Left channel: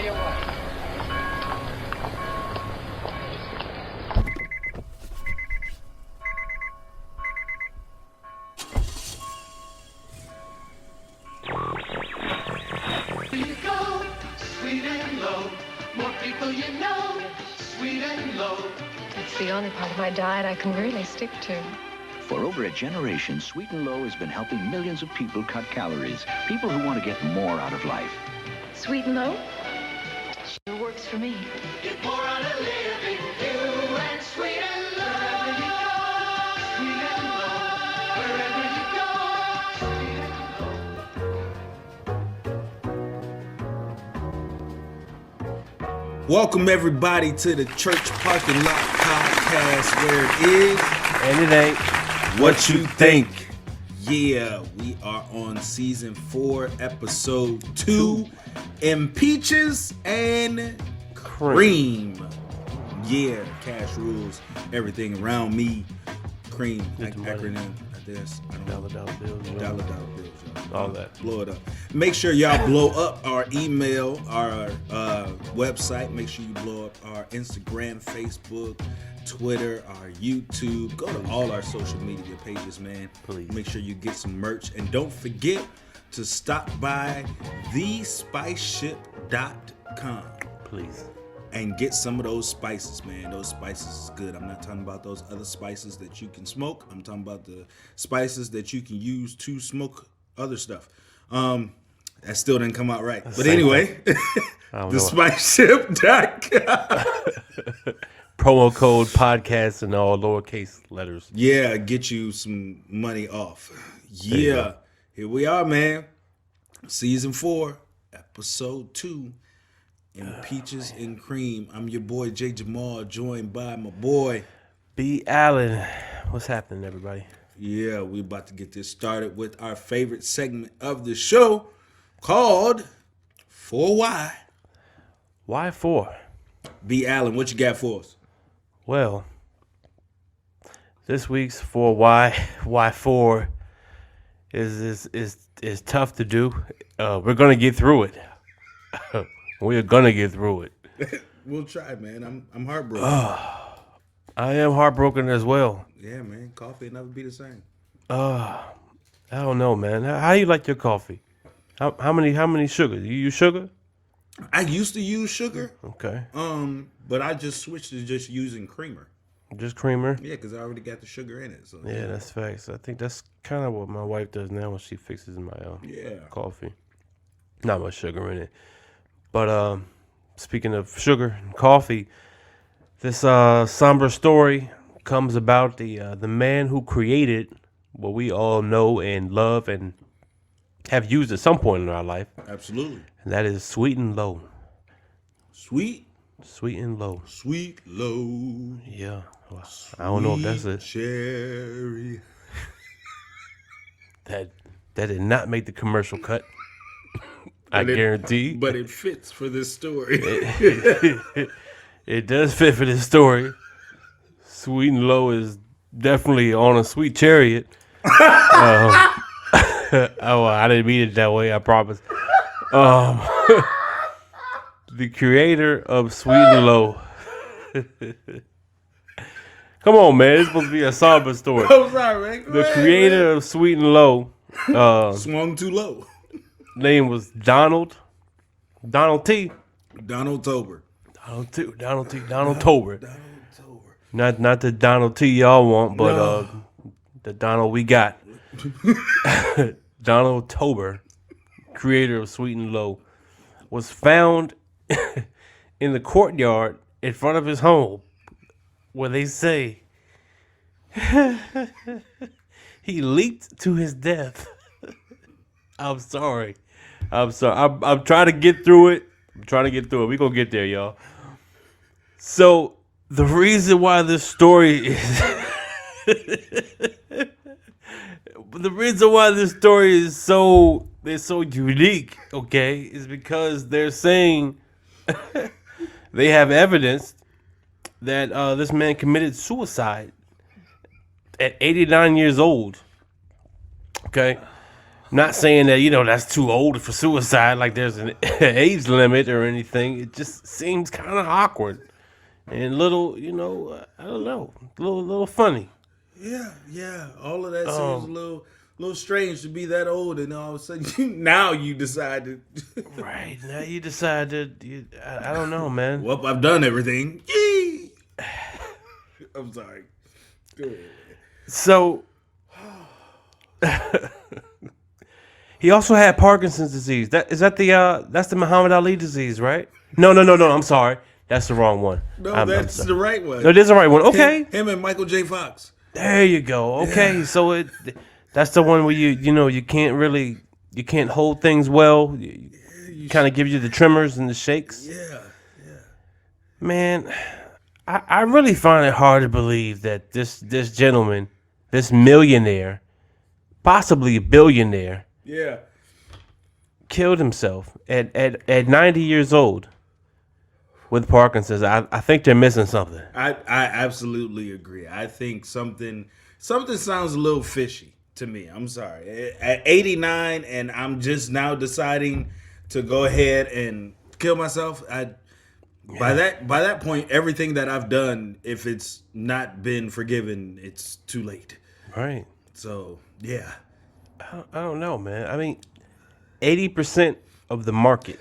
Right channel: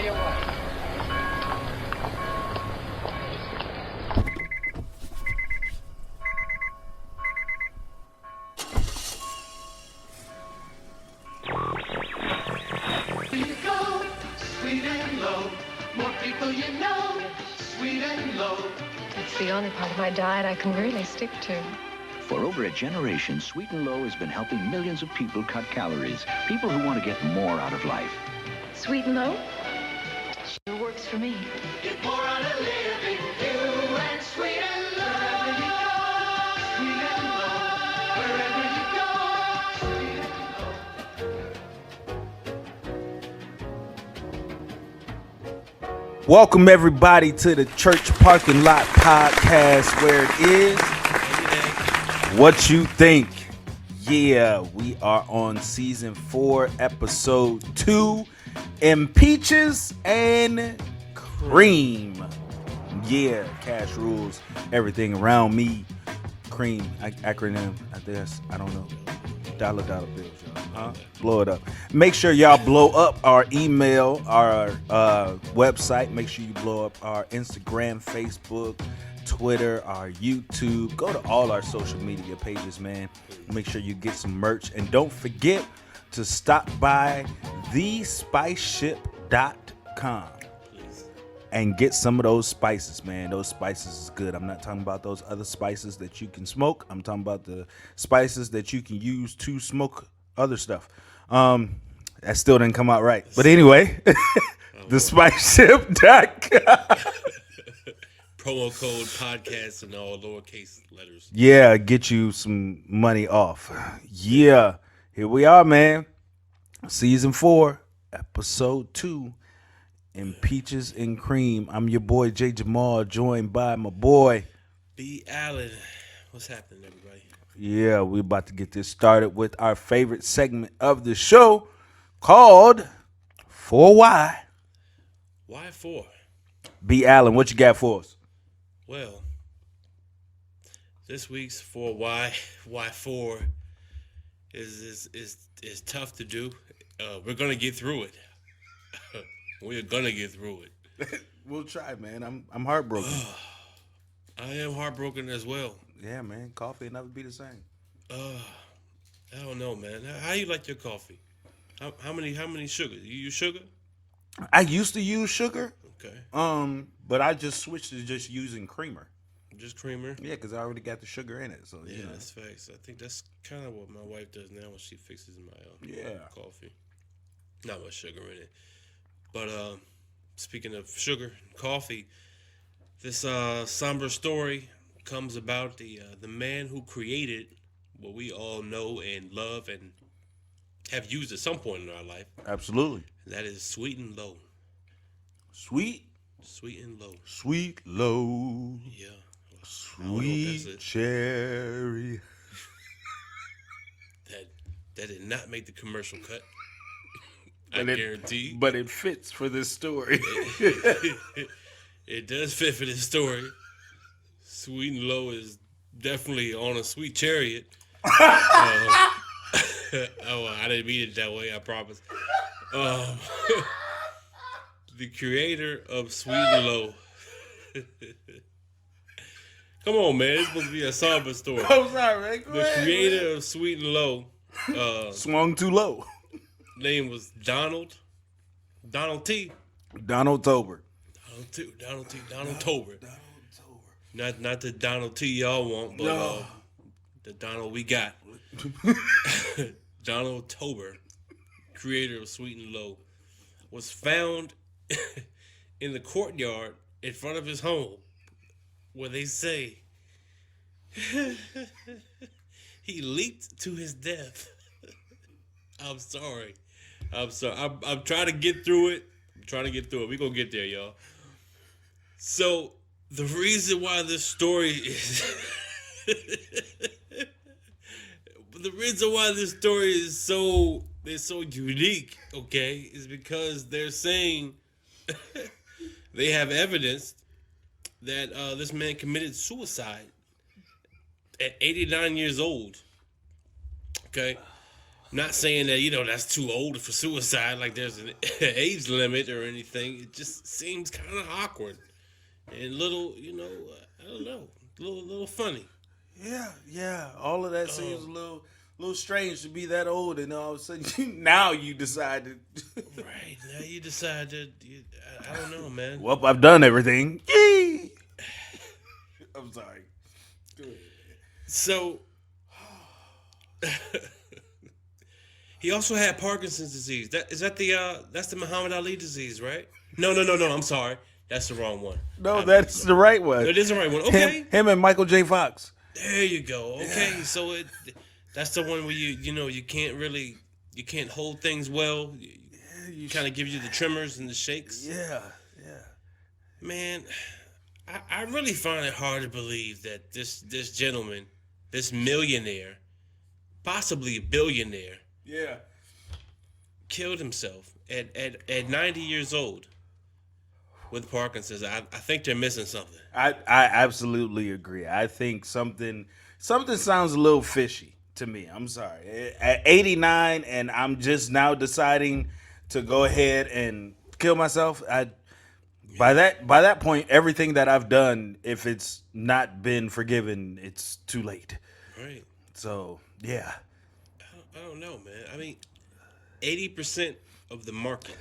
tell you what. Here you go, sweet and low. More people you know, sweet and low. It's the only part of my diet I can really stick to. For over a generation, Sweet and Low has been helping millions of people cut calories. People who want to get more out of life. Sweet and low? Sure works for me. Get more out of living, you and sweet and low. Wherever you go, sweet and low. Welcome everybody to the Church Parking Lot Podcast, where it is and it ain't what you think. Yeah, we are on season 4, episode 2, Impeaches and Cream. Yeah, cash rules everything around me. Cream, acronym. I guess I don't know. Dollar bills. All that. Blow it up. Make sure y'all blow up our email, our website. Make sure you blow up our Instagram, Facebook, Twitter, our YouTube. Go to all our social media pages, man. Please. Make sure you get some merch. And don't forget to stop by thespiceship.com. Please. And get some of those spices, man. Those spices is good. I'm not talking about those other spices that you can smoke. I'm talking about the spices that you can use to smoke other stuff. That still didn't come out right. But anyway, thespiceship.com. Promo code podcast in all lowercase letters. Yeah, get you some money off. Yeah, here we are, man. Season 4, episode 2. Impeaches and Cream. I'm your boy Jay Jamal, joined by my boy B. Allen. What's happening, everybody? Yeah, we're about to get this started with our favorite segment of the show called 4Y. Why 4? B. Allen, what you got for us? Well, this week's 4Y, why 4 is tough to do. We're gonna get through it. We're gonna get through it. We'll try, man. I'm heartbroken. I am heartbroken as well. Yeah, man. Coffee will never be the same. I don't know, man. How you like your coffee? How many sugars? You use sugar? I used to use sugar. Okay. But I just switched to just using creamer. Just creamer? Yeah, because I already got the sugar in it. So Yeah, that's facts. I think that's kind of what my wife does now when she fixes my coffee. Not much sugar in it. But speaking of sugar and coffee, this somber story comes about the man who created what we all know and love and have used at some point in our life. Absolutely. And that is Sweet and Low. Sweet and Low. Sweet low. Yeah. Well, I don't know if that's it. Cherry. That did not make the commercial cut. I guarantee. But it fits for this story. It does fit for this story. Sweet and Low is definitely on a sweet chariot. Oh, I didn't mean it that way, I promise. The creator of Sweet and Low. Come on, man. It's supposed to be a somber story. I'm sorry, man. The creator of Sweet and Low. Swung too low. Name was Donald T. Donald Tober. Donald Tober. Not the Donald T y'all want, but the Donald we got. Donald Tober, creator of Sweet and Low, was found in the courtyard in front of his home, where they say he leaped to his death. I'm sorry. I'm trying to get through it. We're going to get there, y'all. So, the reason why this story is... the reason why this story is so unique, okay, is because they're saying they have evidence that this man committed suicide at 89 years old. Okay? Not saying that, that's too old for suicide, like there's an age limit or anything. It just seems kind of awkward and little, I don't know, little funny. Yeah. All of that seems a little strange to be that old, and all of a sudden now you decided. Right, now you decide that, I don't know, man. Well, I've done everything. Yay! I'm sorry. Good. So, he also had Parkinson's disease. That's the Muhammad Ali disease, right? No. I'm sorry, that's the wrong one. No, that's the right one. No, it is the right one. Okay, him and Michael J. Fox. There you go. Okay, so that's the one where you can't hold things well. You kind of give you the tremors and the shakes. Yeah. Man, I really find it hard to believe that this gentleman, this millionaire, possibly a billionaire, killed himself at 90 years old with Parkinson's. I think they're missing something. I absolutely agree. I think something sounds a little fishy to me. I'm sorry. At 89 and I'm just now deciding to go ahead and kill myself. By that point, everything that I've done, if it's not been forgiven, it's too late. Right. So, yeah. I don't know, man. I mean, 80% of the market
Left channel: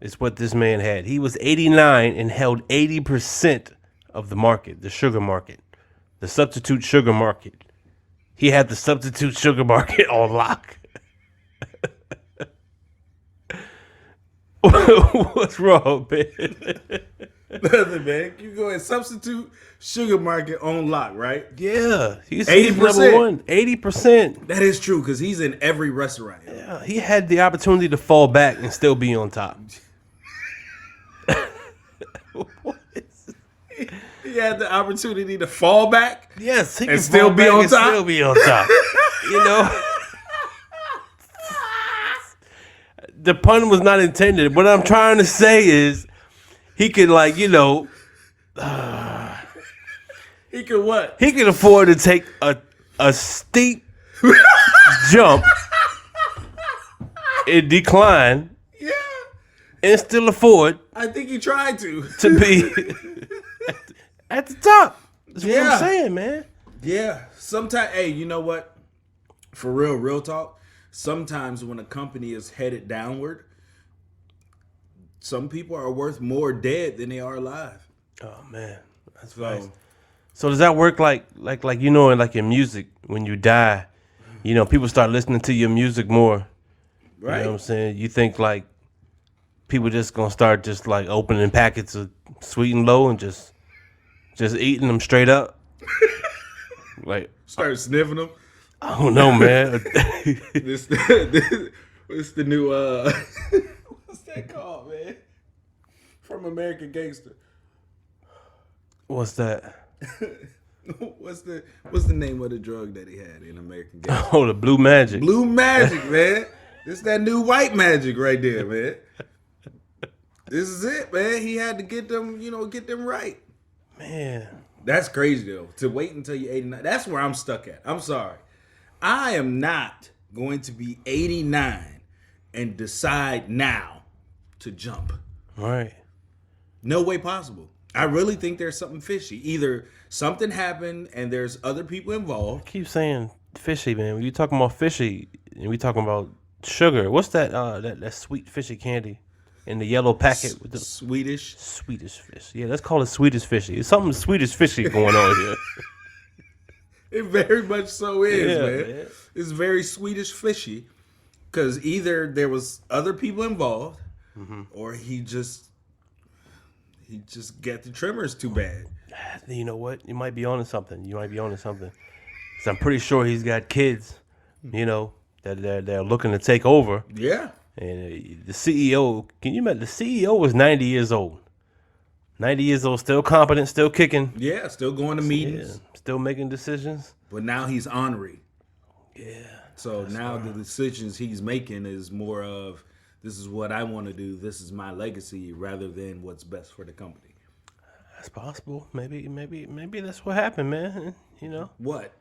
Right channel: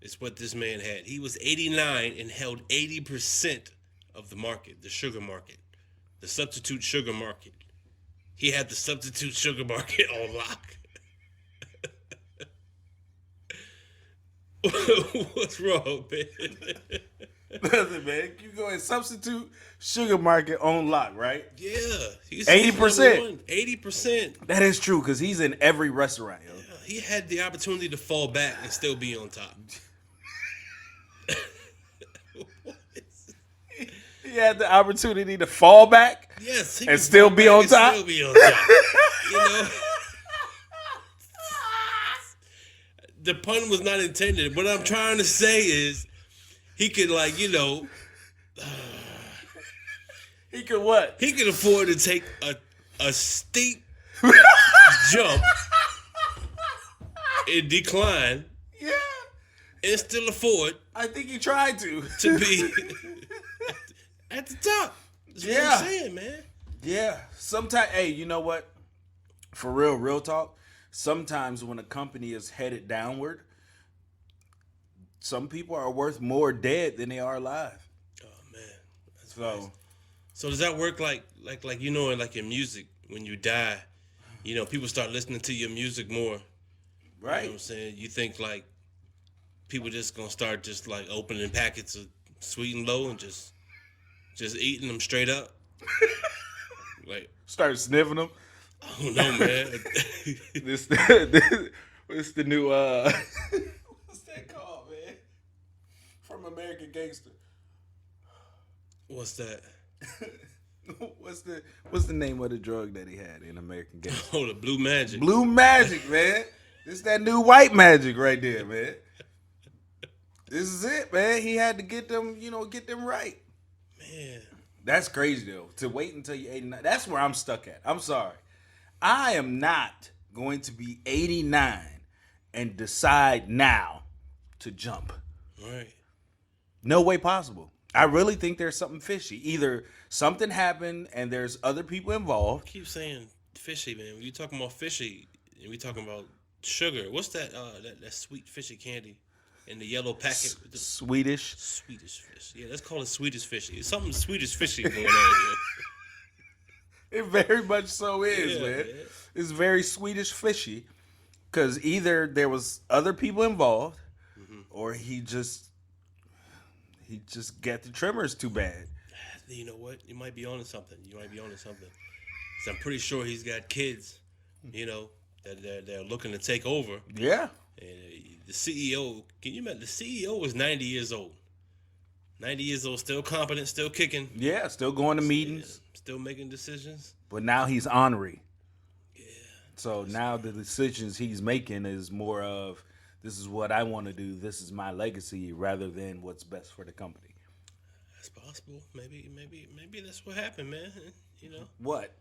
is what this man had. He was 89 and held 80% of the market, the sugar market, the substitute sugar market. He had the substitute sugar market on lock. What's wrong, man? Nothing, man. You go ahead. Substitute sugar market on lock, right? Yeah. He's 80%. number one. 80%. That is true, because he's in every restaurant. Yeah, he had the opportunity to fall back and still be on top. He had the opportunity to fall back. Yes, he and can still fall be back on and top. Still be on top. The pun was not intended. What I'm trying to say is, he could He could what? He could afford to take a steep jump and decline. Yeah. And still afford. I think he tried to be at the top. That's what Yeah. I'm saying, man. Yeah. Sometimes, hey, you know what? For real talk. Sometimes when a company is headed downward, some people are worth more dead than they are alive. Oh man, that's right. So does that work like in music, when you die, people start listening to your music more. Right. You know what I'm saying? You think like people just gonna start just like opening packets of Sweet and Low and just eating them straight up? Like start sniffing them. I don't know, man. This the new what's that called, man? From American Gangster. What's that? What's the name of the drug that he had in American Gangster? Oh, the Blue Magic. Blue Magic, man. This that new white magic right there, man. This is it, man. He had to get them right. Man. That's crazy though. To wait until you're 89. That's where I'm stuck at. I'm sorry. I am not going to be 89 and decide now to jump. Right. No way possible. I really think there's something fishy. Either something happened and there's other people involved. I keep saying fishy, man. When you talking about fishy and we talking about sugar, what's that that sweet fishy candy in the yellow packet with the Swedish fish? Yeah, let's call it Swedish fishy. It's something Swedish fishy going on here. It very much so is, man. Man. It's very Swedish fishy, because either there was other people involved, or he just got the tremors too bad. You know what? You might be onto something. Because I'm pretty sure he's got kids, that they're looking to take over. Yeah. And the CEO, can you imagine? The CEO was 90 years old. 90 years old, still competent, still kicking. Yeah, still going to meetings. Yeah, still making decisions. But now he's ornery. Yeah. So now the decisions he's making is more of, this is what I want to do, this is my legacy, rather than what's best for the company. That's possible. Maybe that's what happened, man. What?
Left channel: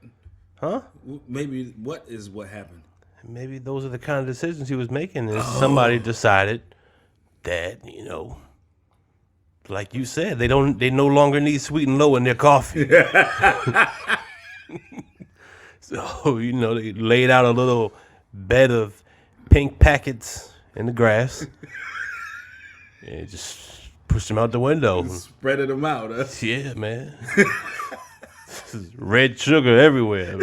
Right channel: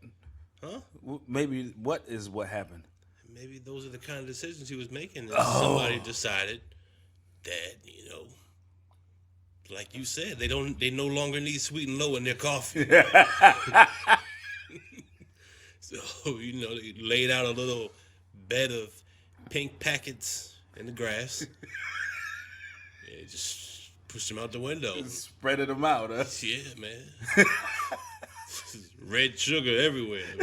Huh? Maybe what is what happened? maybe those are the kind of decisions he was making. And somebody decided that, like you said, they no longer need sweet and low in their coffee. So, they laid out a little bed of pink packets in the grass and just pushed them out the window. Spreaded them out, huh? Yeah, man. Red sugar everywhere.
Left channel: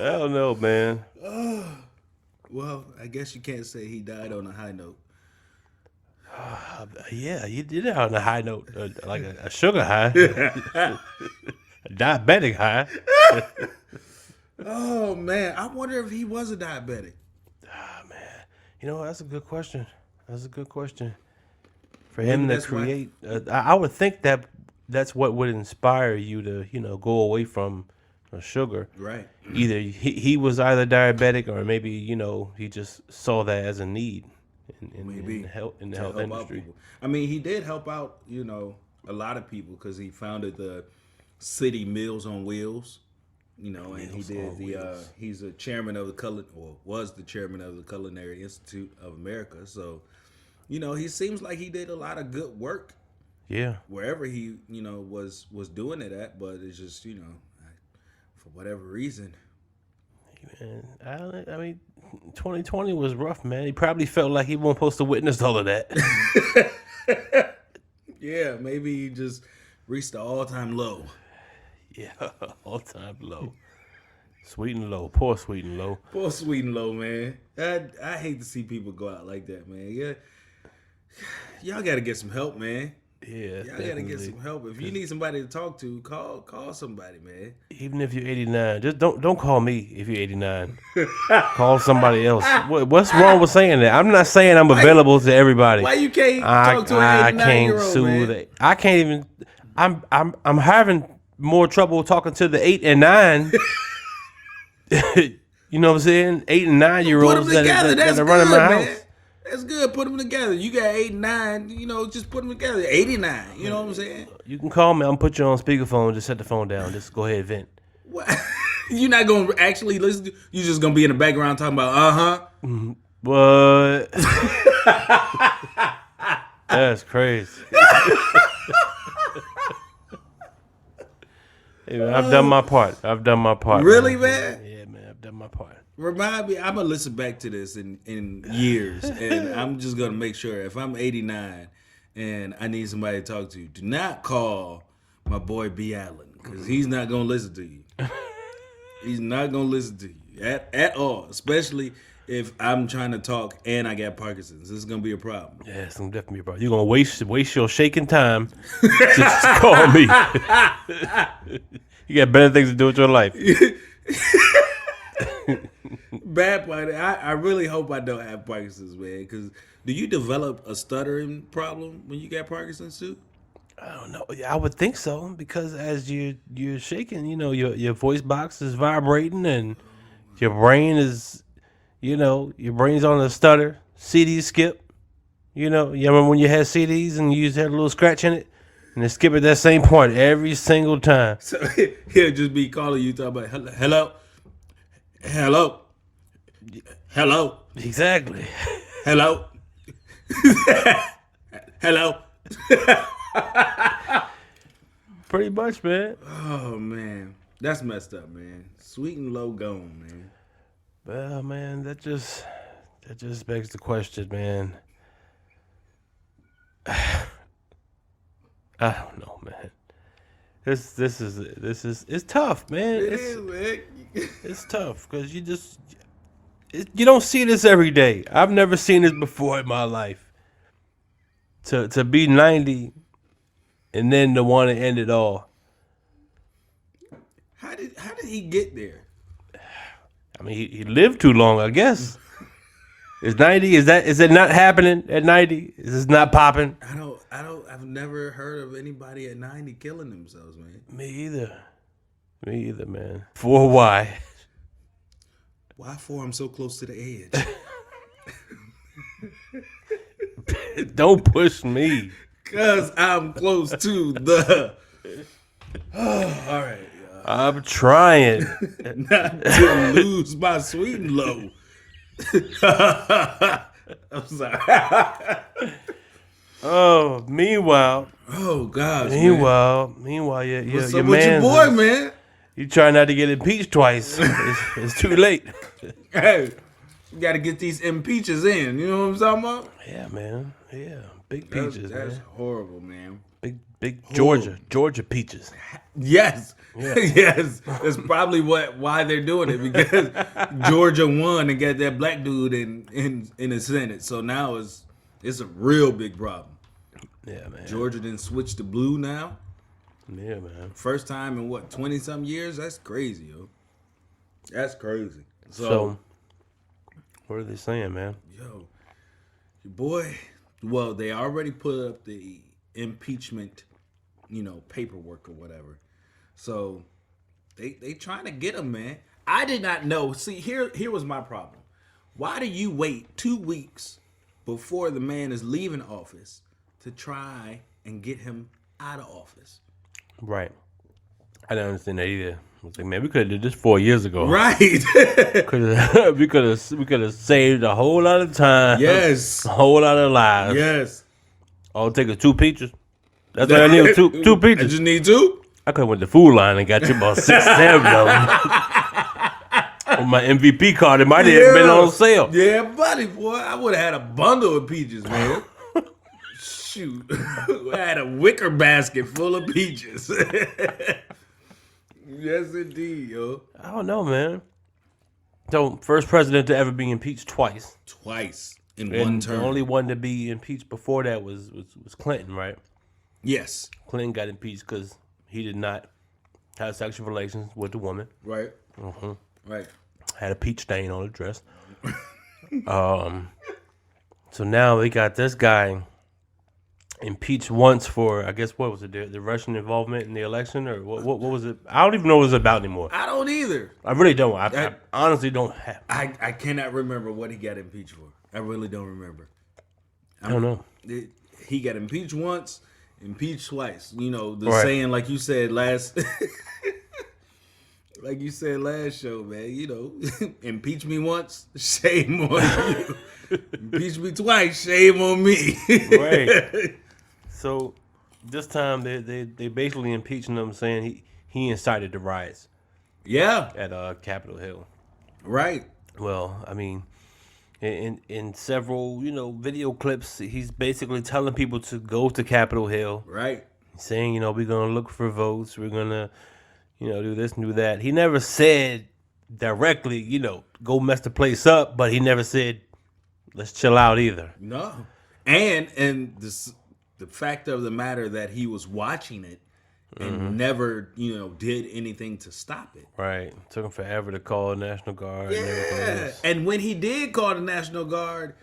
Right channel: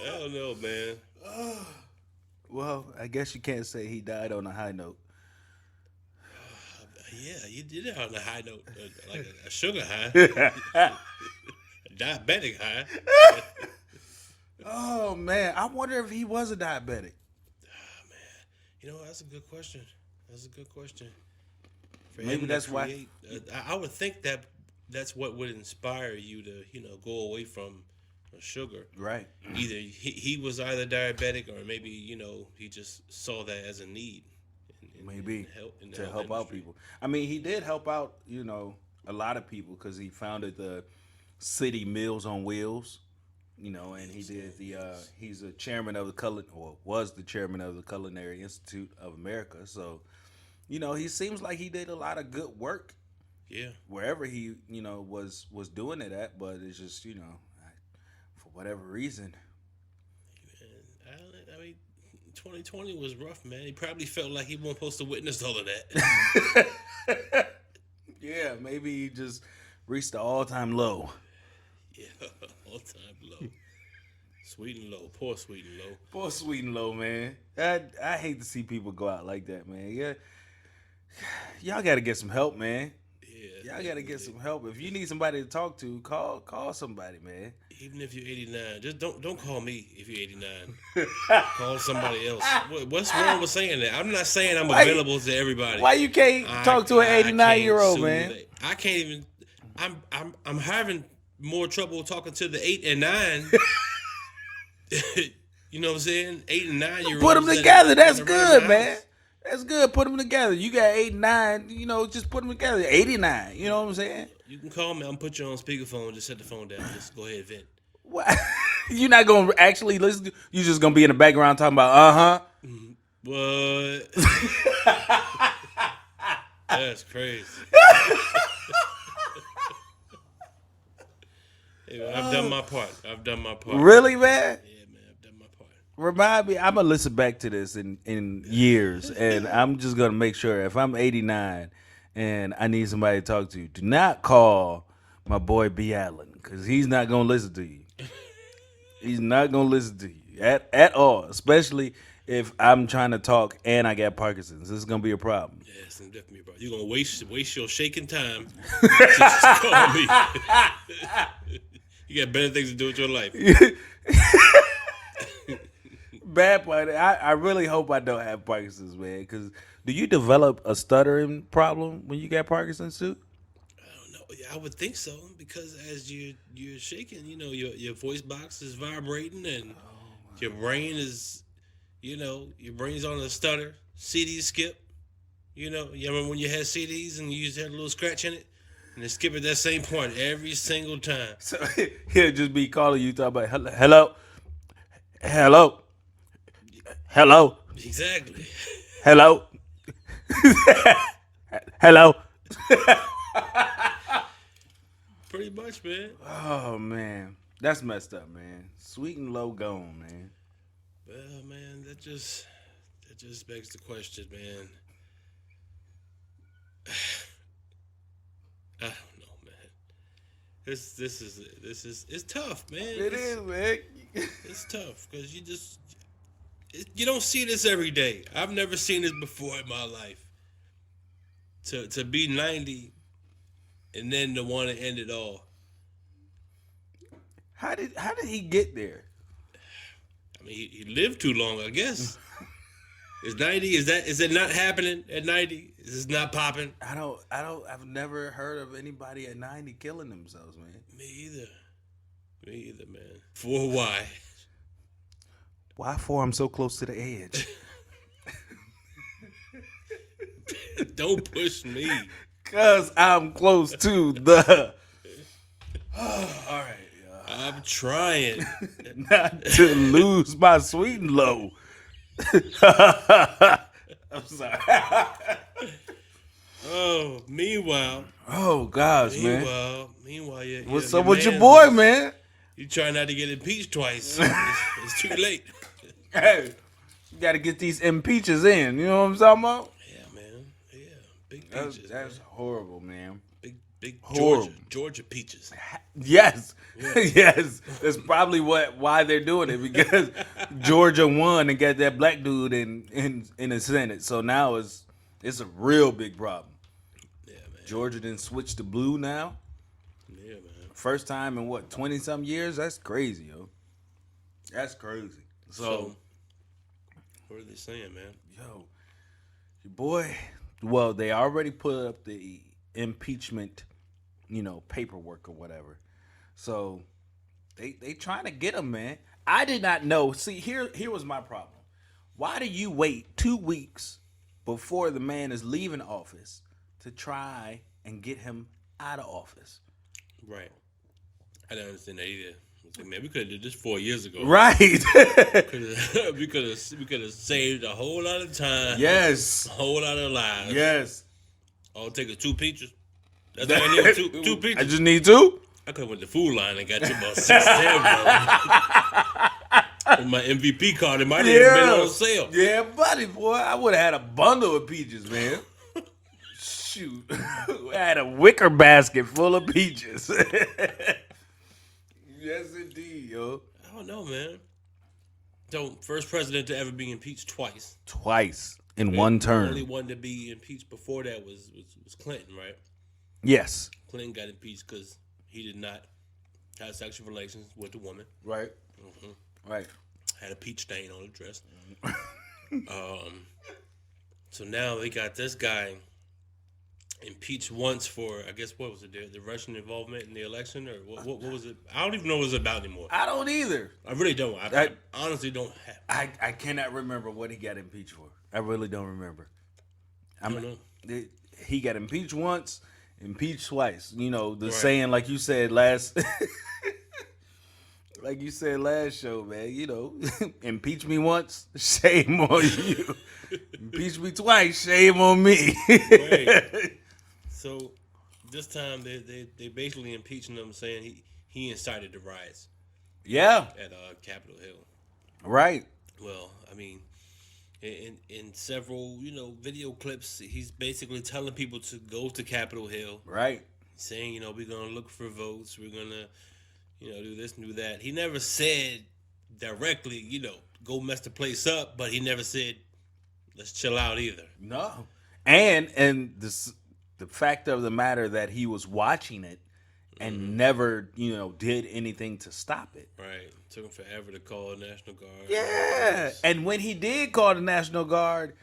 I don't know, man. Well, I guess you can't say he died on a high note. Yeah, you did it on a high note, like a sugar high, a diabetic high. Oh, man. I wonder if he was a diabetic. Man. That's a good question. For him to create, I would think that's what would inspire you to, go away from sugar. Right. Either he was either diabetic or maybe, he just saw that as a need in the health industry. People. I mean, he did help out, a lot of people because he founded the city Meals on Wheels. And he's a chairman of was the chairman of the Culinary Institute of America. So, he seems like he did a lot of good work. Yeah. Wherever he, was doing it at, but it's just, for whatever reason. Man, I mean, 2020 was rough, man. He probably felt like he wasn't supposed to witness all of that. Yeah, maybe he just reached the all-time low. Yeah, all-time low. Sweet and low. Poor Sweet and low. Poor Sweet and low, man. I hate to see people go out like that, man. Yeah, y'all got to get some help, man. Yeah, y'all got to get some help. If you need somebody to talk to, call somebody, man. Even if you're 89, just don't call me if you're 89. Call somebody else. What's wrong with saying that? I'm not saying I'm available to everybody. Why you can't talk to an 89-year-old, man? I can't even. I'm having more trouble talking to the 8 and 9. You know what I'm saying? 8 and 9-year-olds. Put them together. That's good, man. That's good. Put them together. You got 8 and 9. Just put them together. 89. You know what I'm saying? You can call me. I'm gonna put you on speakerphone. Just set the phone down. Just go ahead and vent. What? You're not gonna actually listen. You're just gonna be in the background talking about What? That's crazy. Hey, man, I've done my part. Really, man? Yeah, man. I've done my part. Remind me, I'm gonna listen back to this in years, and I'm just gonna make sure if I'm 89 and I need somebody to talk to, do not call my boy B. Allen because he's not gonna listen to you. He's not gonna listen to you at all, especially if I'm trying to talk and I got Parkinson's. This is gonna be a problem. Yeah, it's gonna definitely be a problem. You're gonna waste your shaking time just to call me. You got better things to do with your life. Bad part. I really hope I don't have Parkinson's, man. Because do you develop a stuttering problem when you got Parkinson's too? I don't know. I would think so because as you're shaking, your voice box is vibrating and your brain is, your brain's on a stutter. CDs skip. You remember when you had CDs and you had a little scratch in it, and they skip at that same point every single time. So he'll just be calling you, talking about hello. Hello. Exactly. Hello. Hello. Pretty much, man. Oh, man. That's messed up, man. Sweet and low gone, man. Well, man, that just begs the question, man. I don't know, man. This is it's tough, man. It is, man. It's tough because you don't see this every day. I've never seen this before in my life. To be 90 and then to want to end it all. How did he get there? I mean, he lived too long, I guess. Is 90? Is it not happening at 90? Is this not popping? I've never heard of anybody at 90 killing themselves, man. Me either, man. For why? Why for I'm so close to the edge? Don't push me. Cause I'm close to the. All right. I'm trying not to lose my sweet and low. I'm sorry. Oh, meanwhile. Oh gosh. Meanwhile, What's up with your boy, man? You try not to get impeached twice. It's too late. Hey, you got to get these impeaches in. You know what I'm talking about? Yeah, man. Yeah, big peaches. That's horrible, man. Big Horrible. Georgia peaches. Yes, Yeah. yes. That's probably why they're doing it, because Georgia won and got that black dude in the Senate. So now it's a real big problem. Yeah, man. Georgia didn't switch to blue now. Yeah, man. First time in 20-some years? That's crazy, yo. That's crazy. So what are they saying, man? Yo, your boy. Well, they already put up the impeachment, paperwork or whatever. So they trying to get him, man. I did not know. See, here was my problem. Why do you wait 2 weeks before the man is leaving office to try and get him out of office? Right. I didn't understand that either. I was like, man, we could have did this 4 years ago. Right. we could have saved a whole lot of time. Yes. A whole lot of lives. Yes. All it take is 2 peaches. That's what I need. Two I peaches. just need 2? I could have went to Food Line and got you about 6, 7 of them. With my MVP card, it might have been on sale. Yeah, buddy, boy. I would have had a bundle of peaches, man. Shoot. I had a wicker basket full of peaches. Yes, indeed, yo. I don't know, man. So, first president to ever be impeached twice. Twice in one term. The only one to be impeached before that was Clinton, right? Yes. Clinton got impeached because he did not have sexual relations with the woman. Right. Right. Had a peach stain on the dress. So now they got this guy impeached once for, I guess, what was it, the Russian involvement in the election, or what was it? I don't even know what it was about anymore. I don't either. I really don't. I honestly don't have. I cannot remember what he got impeached for. I really don't remember. I don't know. He got impeached once, impeached twice. The Right. saying, like you said last like you said last show, man, impeach me once, shame on you. Impeach me twice, shame on me. Right. So this time they basically impeaching him, saying he incited the riots. Yeah. At Capitol Hill. Right. Well, I mean, in several video clips, he's basically telling people to go to Capitol Hill. Right. Saying we're gonna look for votes. We're gonna do this and do that. He never said directly go mess the place up, but he never said let's chill out either. No. And the fact of the matter that he was watching it and never, did anything to stop it. Right. Took him forever to call the National Guard. Yeah. And when he did call the National Guard,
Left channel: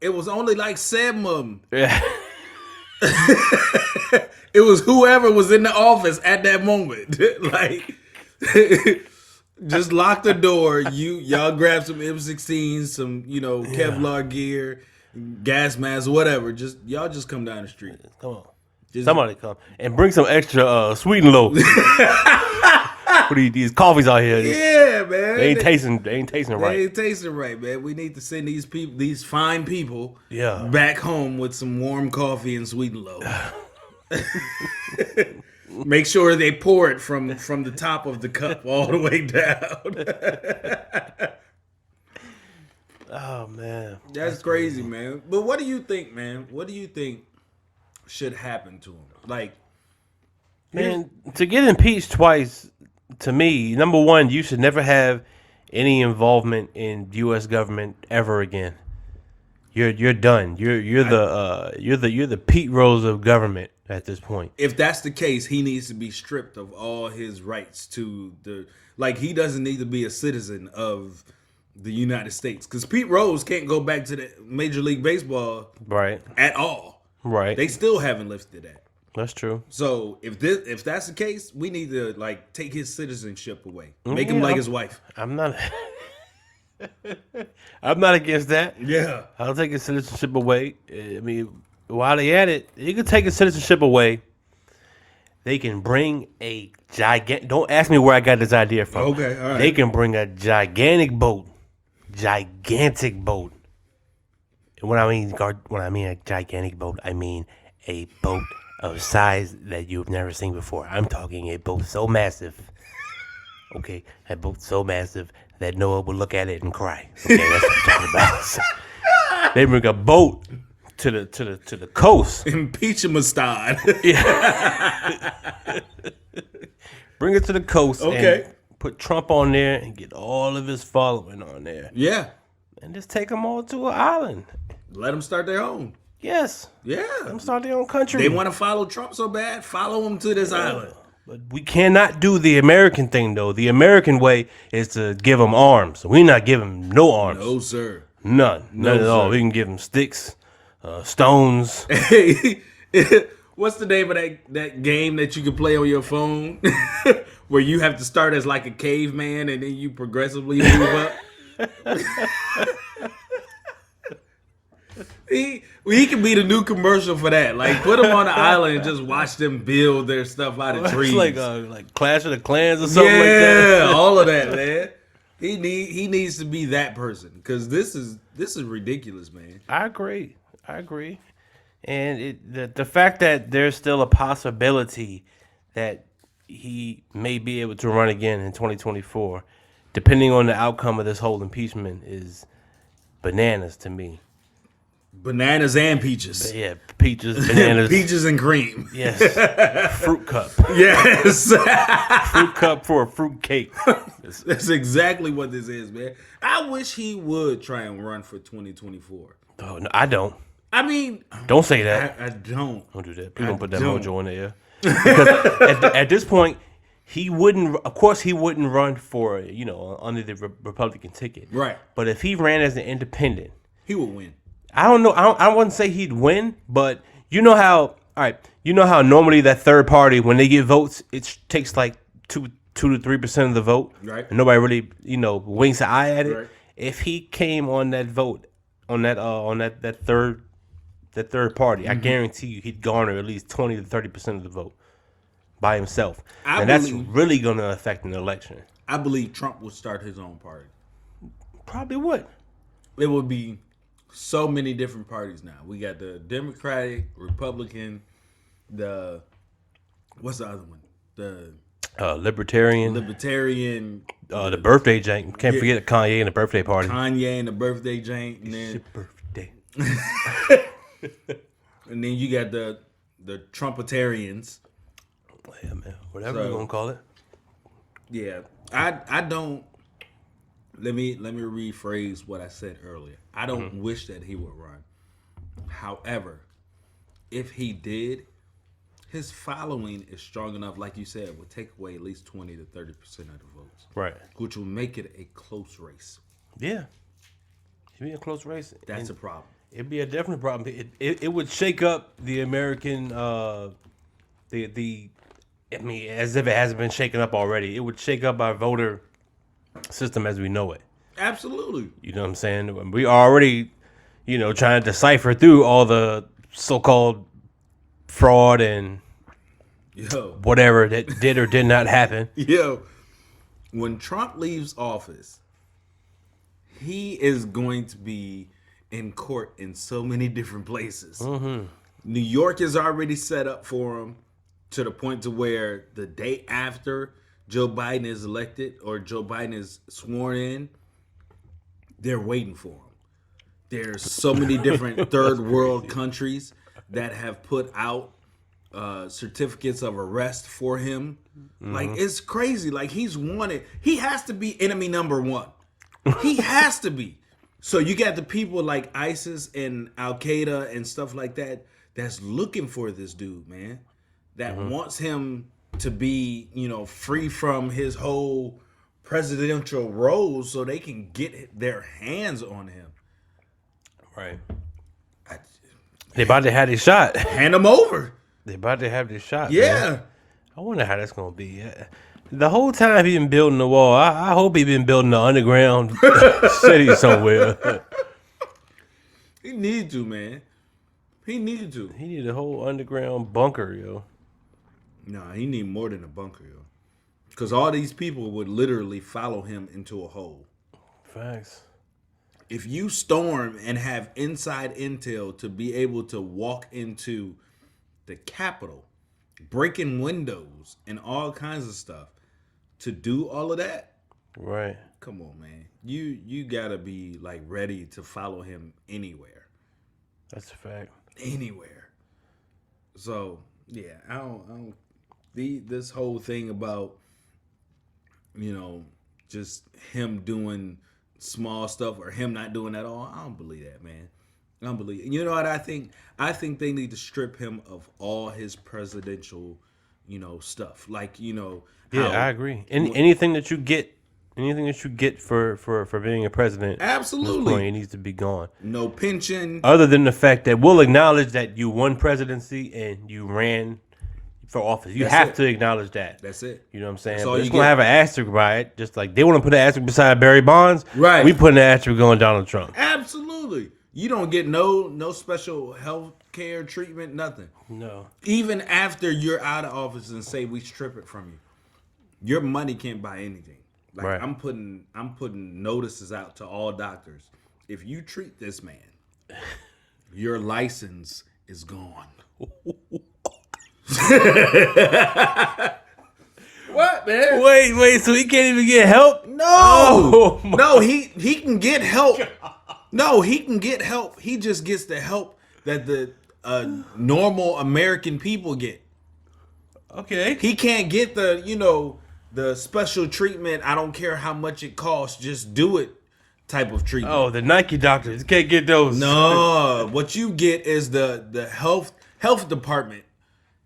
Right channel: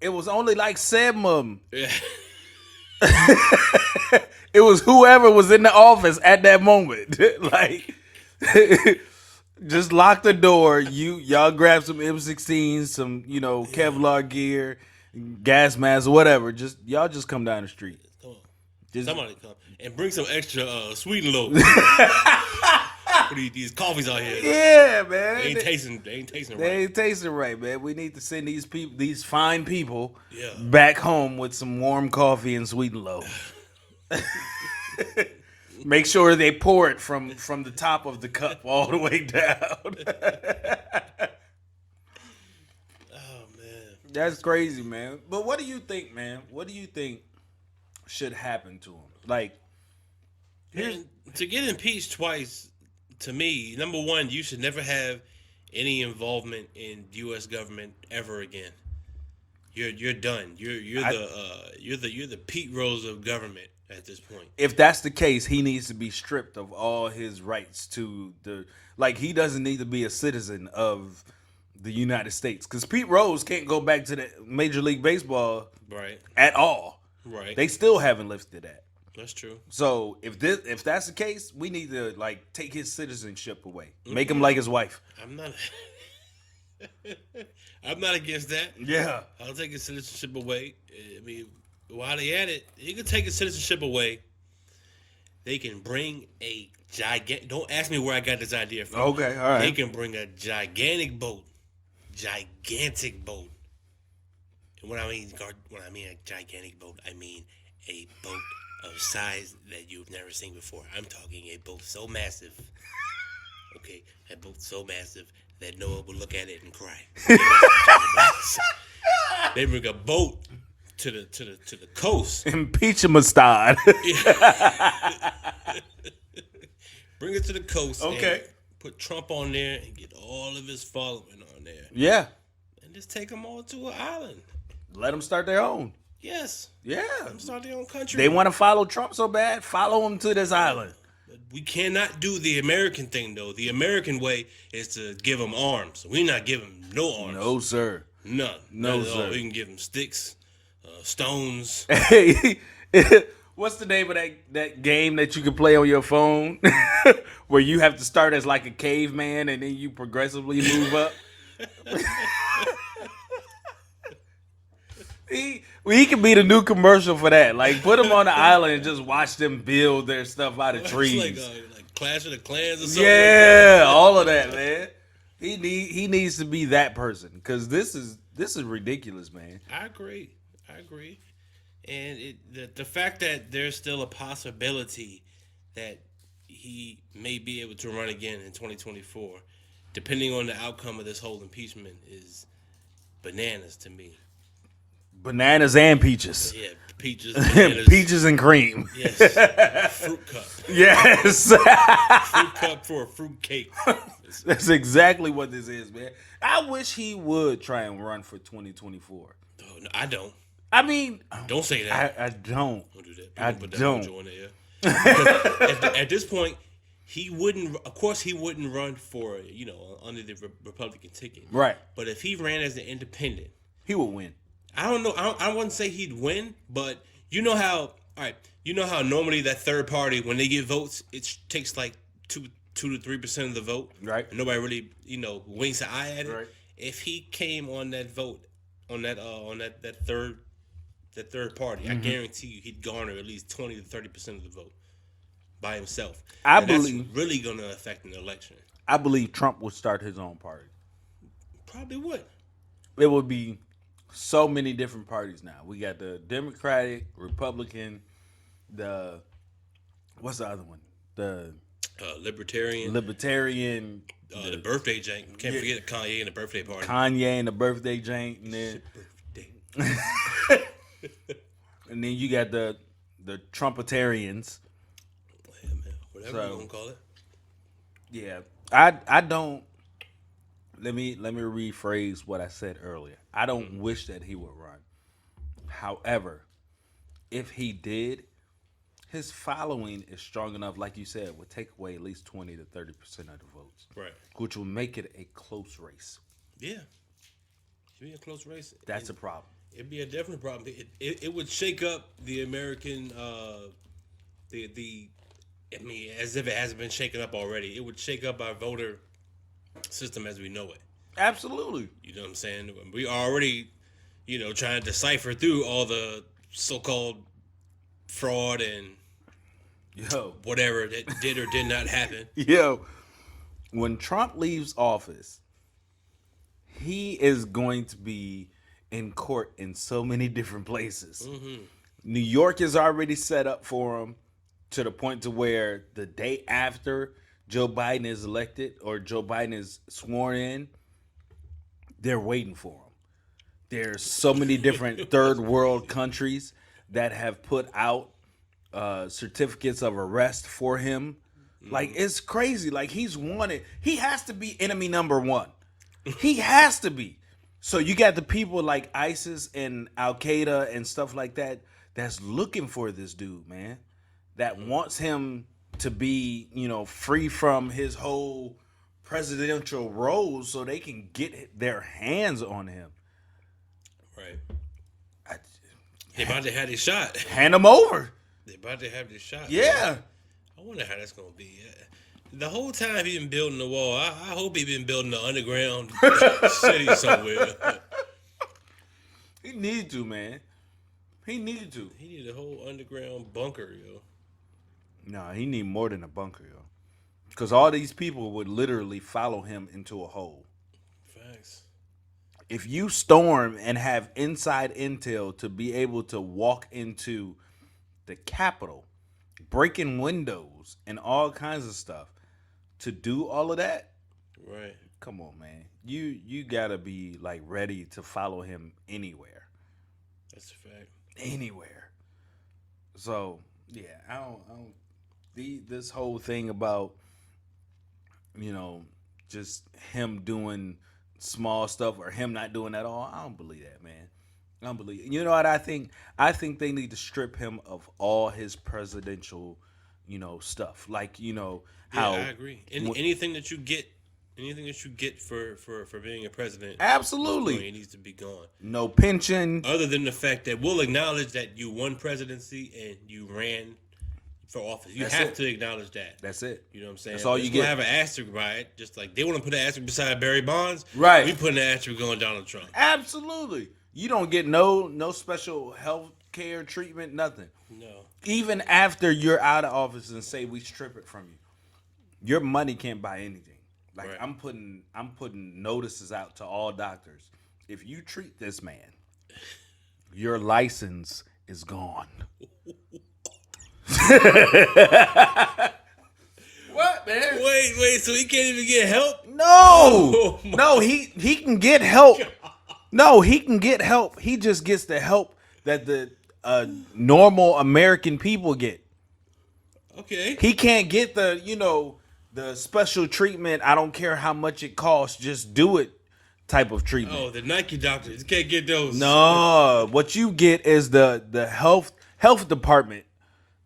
it was only like 7 of them. Yeah. It was whoever was in the office at that moment. Like, just lock the door. Y'all grab some M16s, some, Kevlar gear, gas masks, whatever. Y'all just come down the street. Come on. Somebody come and bring some extra sweet and low. For these coffees out here. Yeah, man. They ain't tasting right. They ain't tasting right, man. We need to send these fine people back home with some warm coffee and sweet and low. Make sure they pour it from the top of the cup all the way down. Oh, man. That's crazy, man. But what do you think, man? What do you think should happen to him? Like, man, to get impeached twice, to me, number one, you should never have any involvement in U.S. government ever again. You're done. You're the Pete Rose of government at this point. If that's the case, he needs to be stripped of all his rights to he doesn't need to be a citizen of the United States, because Pete Rose can't go back to the Major League Baseball right at all. Right. They still haven't lifted that. That's true. So if that's the case, we need to take his citizenship away. Make him like his wife. I'm not against that. Yeah. I'll take his citizenship away. I mean, while they at it, you can take his citizenship away, they can bring a gigantic. Don't ask me where I got this idea from. Okay, all right. They can bring a gigantic boat. And when I mean a gigantic boat, I mean a boat of size that you've never seen before. I'm talking a boat so massive. Okay, a boat so massive that Noah would look at it and cry. Okay, that's what I'm talking about. They bring a boat to the coast. Impeaches and Bring it to the coast. Okay. And put Trump on there and get all of his following on there. Yeah. And just take them all to an island. Let them start their own. Yes. Yeah. Let them start their own country. They want to follow Trump so bad, follow him to this island. But we cannot do the American thing, though. The American way is to give them arms. We're not giving no arms. No, sir. None at all. sir. We can give them sticks, stones. What's the name of that game that you can play on your phone where you have to start as like a caveman and then you progressively move up? He can be the new commercial for that. Like, put him on the island and just watch them build their stuff out of trees. It's like Clash of the Clans or something Yeah, like that. all of that, man. He needs to be that person because this is ridiculous, man. I agree. And the fact that there's still a possibility that he may be able to run again in 2024, depending on the outcome of this whole impeachment, is bananas to me. Bananas and peaches. Yeah, peaches, bananas. Peaches and cream. Yes. Fruit cup. Yes. Fruit cup for a fruit cake. That's exactly what this is, man. I wish he would try and run for 2024. Oh, no, I don't. I mean, Don't say that. I don't. Don't do that. People I don't put that don't. mojo in the air. Because at this point, he wouldn't. Of course, he wouldn't run for under the Republican ticket. Right. But if he ran as an independent, He would win. I don't know. I wouldn't say he'd win, but you know how. All right. You know how normally that third party, when they get votes, it takes like 2 to 3% of the vote. Right. And nobody really winks an eye at it. Right. If he came on that vote on that third party, I guarantee you he'd garner at least 20 to 30% of the vote by himself. That's really going to affect an election. I believe Trump would start his own party. Probably would. It would be so many different parties now. We got the Democratic, Republican, what's the other one? The Libertarian. The birthday jank. Can't forget Kanye and the birthday party. Kanye and the birthday jank. And It's then, your birthday. and then you got the Trumpetarians. Yeah, man. Whatever you're going to call it. Yeah. I don't. Let me rephrase what I said earlier. I don't wish that he would run. However, if he did, his following is strong enough, like you said, would take away at least 20 to 30% of the votes. Right. Which will make it a close race. Yeah. It'd be a close race. That's a problem. It'd be a definite problem. It would shake up the American I mean, as if it hasn't been shaken up already. It would shake up our voter system as we know it. Absolutely. You know what I'm saying? We already, trying to decipher through all the so-called fraud and whatever that did or did not happen. When Trump leaves office, he is going to be in court in so many different places. Mm-hmm. New York is already set up for him to the point to where the day after Joe Biden is elected or Joe Biden is sworn in, they're waiting for him. There's so many different third world countries that have put out certificates of arrest for him. Mm-hmm. Like, it's crazy. Like, he's wanted. He has to be enemy number one. He has to be. So you got the people like ISIS and Al-Qaeda and stuff like that that's looking for this dude, man. That wants him to be, free from his whole presidential role so they can get their hands on him. Right. They about to have this shot. Hand him over. They about to have this shot. Yeah. Man. I wonder how that's going to be. The whole time he been building the wall, I hope he been building an underground city somewhere. He needed to, man. He needed to. He needed a whole underground bunker, yo. No, he need more than a bunker, yo. Because all these people would literally follow him into a hole. Facts. If you storm and have inside intel to be able to walk into the Capitol, breaking windows and all kinds of stuff, to do all of that, right? Come on, man. You gotta be like ready to follow him anywhere. That's a fact. Anywhere. So yeah, I don't. This whole thing about, you know, just him doing small stuff or him not doing at all, I don't believe that, man. I don't believe it. You know what I think? I think they need to strip him of all his presidential, you know, stuff. Like, you know, yeah, I agree. Anything that you get for being a president, absolutely, it needs to be gone. No pension. Other than the fact that we'll acknowledge that you won presidency and you ran for office. You have to acknowledge that. That's it. You know what I'm saying? So you're going to have an asterisk by it. Just like they want to put an asterisk beside Barry Bonds. Right. We put an asterisk on Donald Trump. Absolutely. You don't get no special health care treatment, nothing. No. Even after you're out of office and say we strip it from you, your money can't buy anything. Like right. I'm putting notices out to all doctors. If you treat this man, your license is gone. What, man? Wait, so he can't even get help? No. No, he can get help. No, he can get help. He just gets the help that the normal American people get. Okay. He can't get the, you know, the special treatment. I don't care how much it costs. Just do it type of treatment. Oh, the Nike doctors can't get those. No, what you get is the health department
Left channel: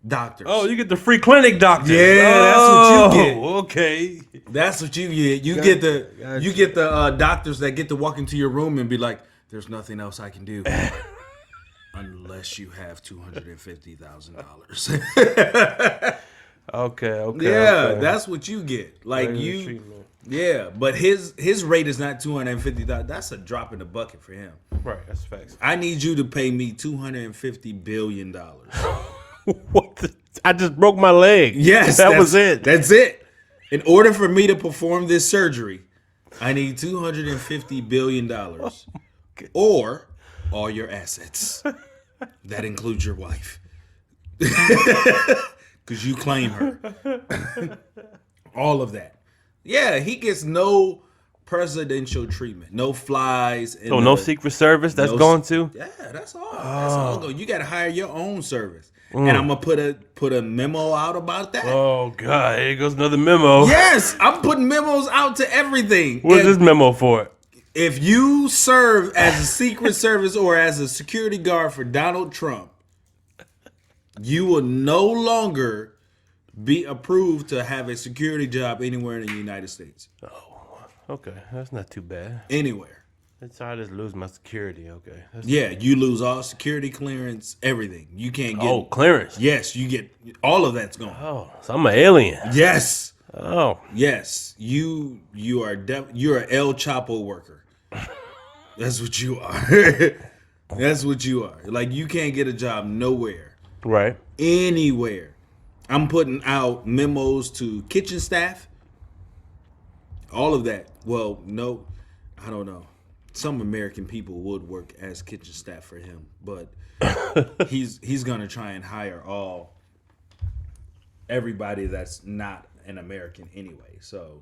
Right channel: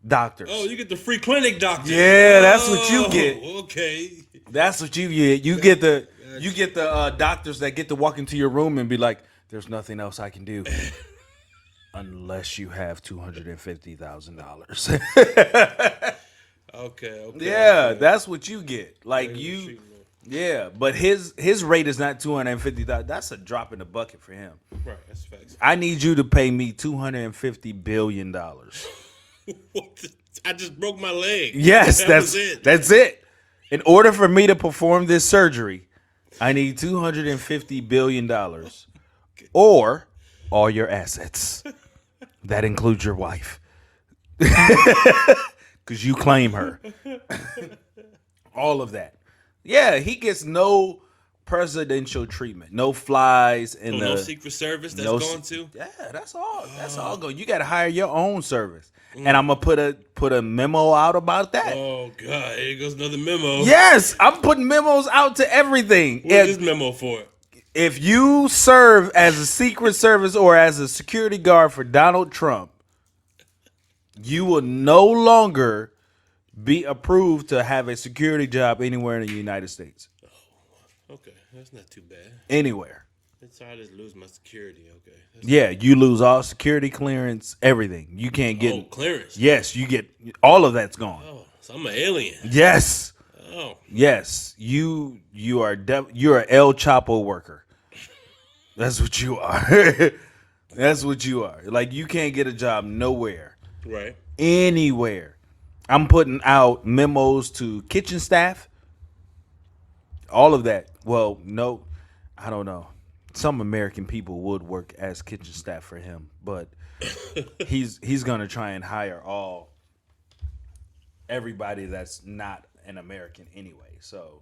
doctors. Oh, you get the free clinic doctors. Yeah, that's what you get. Okay. That's what you get. You get the doctors that get to walk into your room and be like, "There's nothing else I can do." Unless you have $250,000. Okay. Yeah, that's what you get. Like yeah, but his rate is not $250,000. That's a drop in the bucket for him. Right, that's facts. I need you to pay me $250 billion. What? I just broke my leg. Yes, that was it. That's it. In order for me to perform this surgery, I need $250 billion, or all your assets. That includes your wife, because you claim her. All of that. Yeah, he gets no presidential treatment, no flies. No Secret Service. That's going to. Yeah, that's all. That's all going. You got to hire your own service, and I'm gonna put a memo out about that. Oh God, here goes another memo. Yes, I'm putting memos out to everything. What's this memo for? If you serve as a Secret Service or as a security guard for Donald Trump, you will no longer be approved to have a security job anywhere in the United States. Oh, okay. That's not too bad. Anywhere. So I just lose my security. Okay. Yeah, you lose all security clearance, everything. You can't get clearance. Yes, you get all of that's gone. Oh, so I'm an alien. Yes. Oh. Yes. You're an El Chapo worker. That's what you are. That's what you are. Like, you can't get a job nowhere. Right. Anywhere. I'm putting out memos to kitchen staff. All of that. Well, no, I don't know. Some American people would work as kitchen staff for him, but he's gonna try and hire everybody that's not an American anyway. So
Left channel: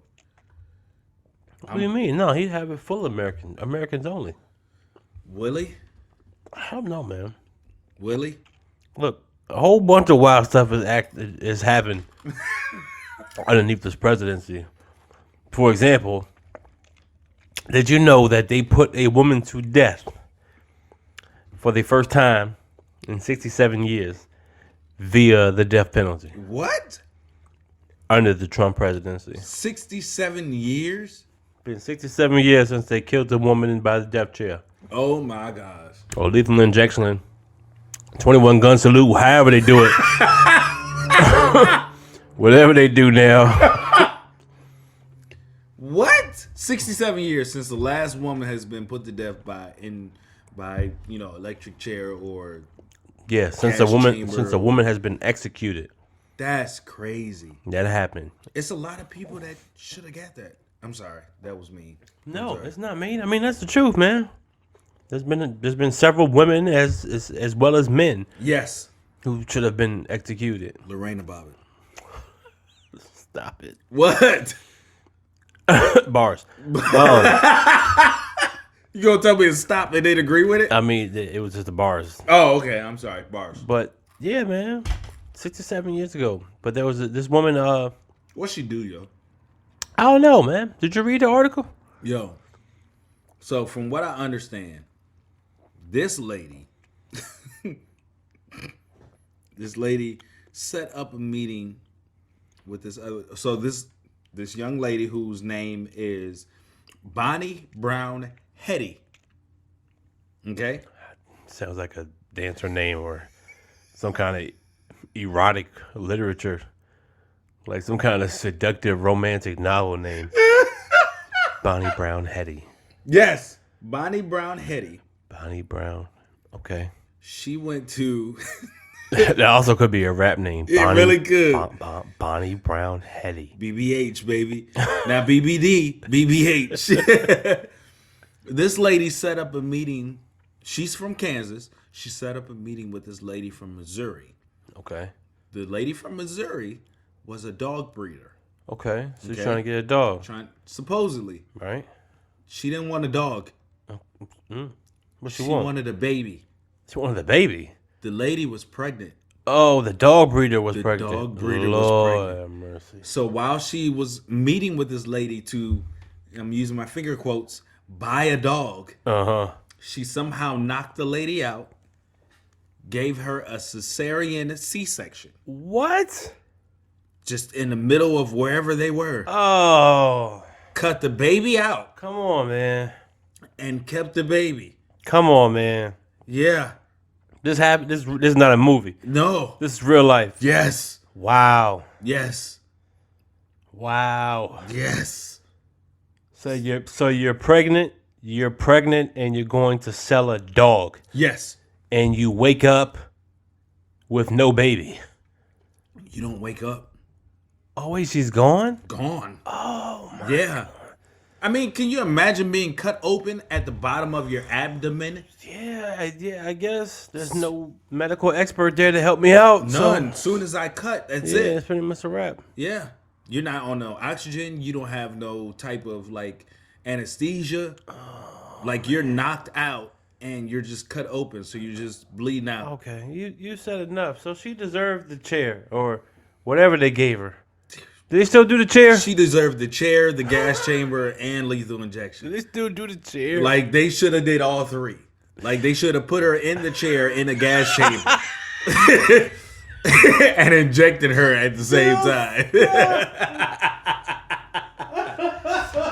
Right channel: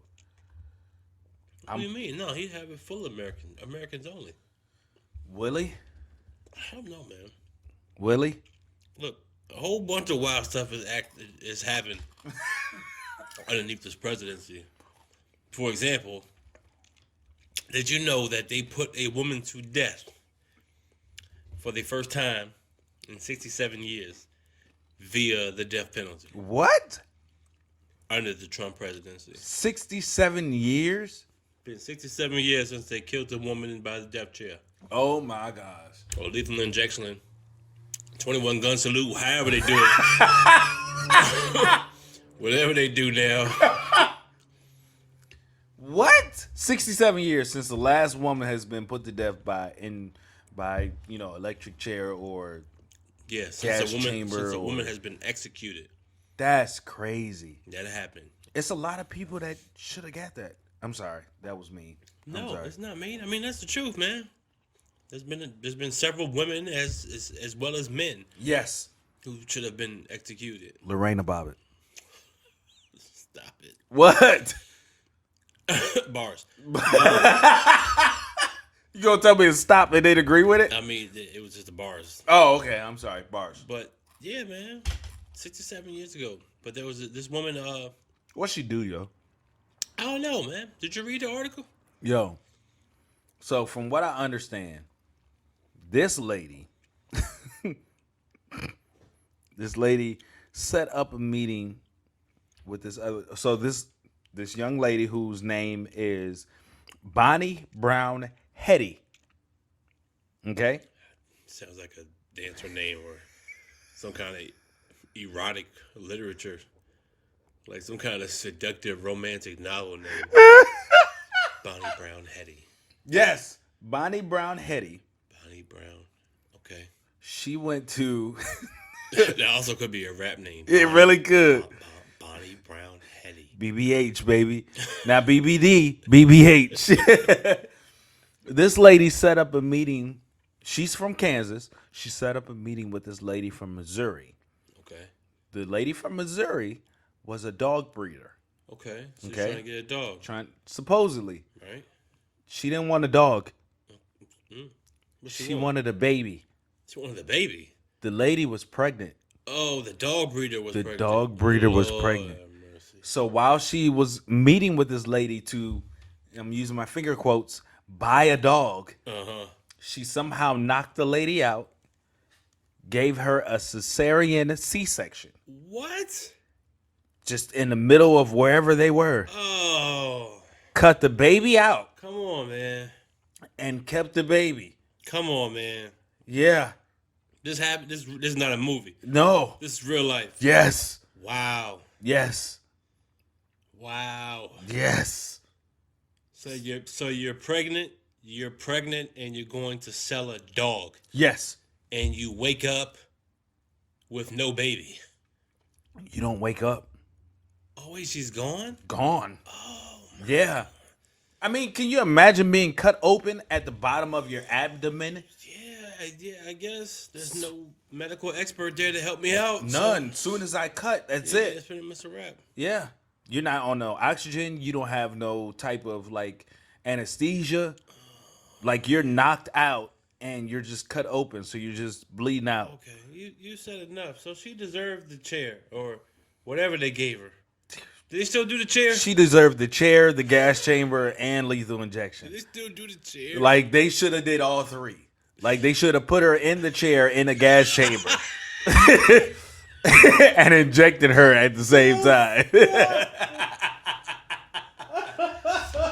what do you mean? No, he'd have it full Americans only. Will he? I don't know, man. Will he? Look, a whole bunch of wild stuff is happening underneath this presidency. For example, did you know that they put a woman to death for the first time in 67 years via the death penalty? What? Under the Trump presidency. 67 years? Been 67 years since they killed the woman by the death chair. Oh my gosh. Or lethal injection. 21 gun salute, however they do it. Whatever they do now. What? 67 years since the last woman has been put to death by electric chair or yeah, since a woman has been executed. That's crazy. That happened. It's a lot of people that should have got that. I'm sorry, that was mean. No, it's not mean. I mean, that's the truth, man. There's been several women as well as men. Yes. Who should have been executed. Lorena Bobbitt. Stop it. What? Bars. You gonna tell me to stop and they'd agree with it? I mean, it was just the bars. Oh, okay. I'm sorry. Bars. But, yeah, man. 6 or 7 years ago. But there was this woman. What'd she do, yo? I don't know, man. Did you read the article? Yo. So, from what I understand, this lady set up a meeting with this other. So, this young lady whose name is Bonnie Brown Hetty. Okay? Sounds like a dancer name or some kind of erotic literature. Like some kind of seductive romantic novel name. Bonnie Brown Hetty. Yes. Bonnie Brown Hetty. Bonnie Brown. Okay. She went to... That also could be a rap name. It really could. Bonnie Brown Hetty. BBH, baby. Not BBD. BBH. This lady set up a meeting. She's from Kansas. She set up a meeting with this lady from Missouri. Okay. The lady from Missouri was a dog breeder. Okay. So she's trying to get a dog. Supposedly. Right. She didn't want a dog. What she wanted a baby. She wanted a baby? The lady was pregnant. Oh, the dog breeder was pregnant. The dog breeder was pregnant. Mercy. So while she was meeting with this lady to, I'm using my finger quotes, buy a dog, she somehow knocked the lady out, gave her a cesarean C-section. What? Just in the middle of wherever they were. Oh. Cut the baby out. Come on, man. And kept the baby. Come on, man. Yeah. This happened. This is not a movie. No. This is real life. Yes. Wow. Yes. Wow. Yes. So you're pregnant. You're pregnant, and you're going to sell a dog. Yes. And you wake up with no baby. You don't wake up. Oh wait, she's gone? Gone. Oh my God. I mean, can you imagine being cut open at the bottom of your abdomen? Yeah, I guess. There's no medical expert there to help me out. None. Soon as I cut, that's it. Yeah, it's pretty much a wrap. Yeah. You're not on no oxygen. You don't have no type of like anesthesia. Like you're knocked out and you're just cut open. So you're just bleeding out. Okay. You said enough. So she deserved the chair or whatever they gave her. Do they still do the chair? She deserved the chair, the gas chamber, and lethal injection. Do they still do the chair? Like they should have did all three. Like they should have put her in the chair in a gas chamber and injected her at the same time.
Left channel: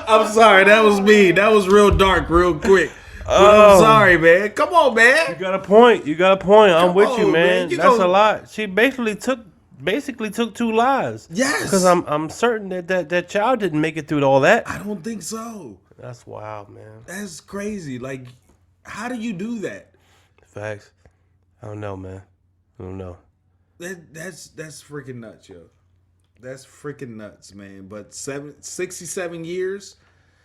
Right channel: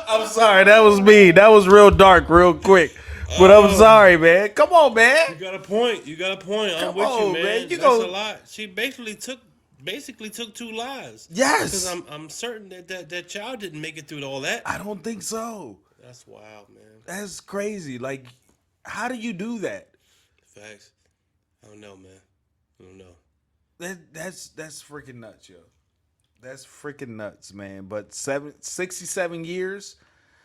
I'm sorry, that was me. That was real dark, real quick. But I'm sorry, man. Come on, man. You got a point. I'm with you, man. That's a lot. She basically took 2 lives. Yes. Because I'm certain that child didn't make it through all that. I don't think so. That's wild, man. That's crazy. Like, how do you do that? Facts. I don't know, man. I don't know. That's freaking nuts, yo. That's freaking nuts, man. But 67 years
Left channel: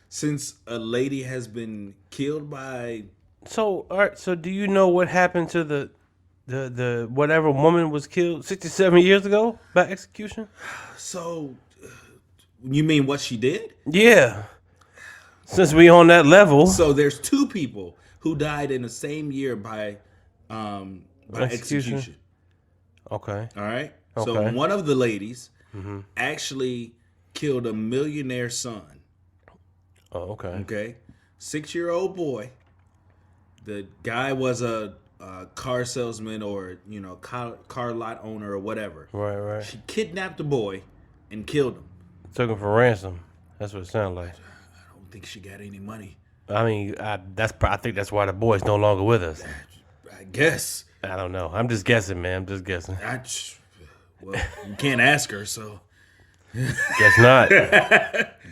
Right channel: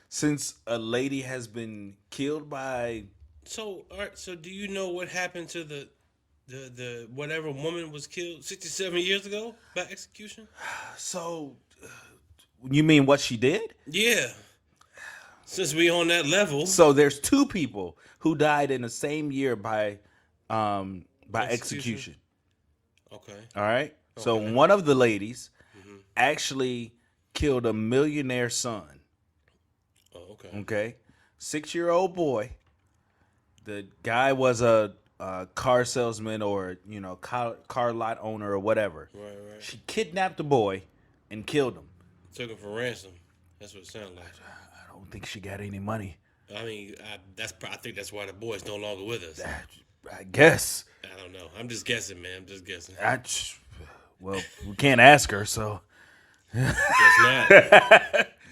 since a lady has been killed by... So, all right. So, do you know what happened to the whatever woman was killed 67 years ago by execution? So, you mean what she did? Yeah. Since we on that level. So there's 2 people who died in the same year by execution. Okay. All right. Okay. So one of the ladies actually killed a millionaire son. Oh, okay. Okay. 6-year-old boy. The guy was a car salesman or, car lot owner or whatever. Right. She kidnapped the boy and killed him. Took him for ransom. That's what it sounded like. I don't think she got any money. I mean, I think that's why the boy's no longer with us. I guess. I don't know. I'm just guessing, man. I'm just guessing. Well, you can't ask her, so. Guess not.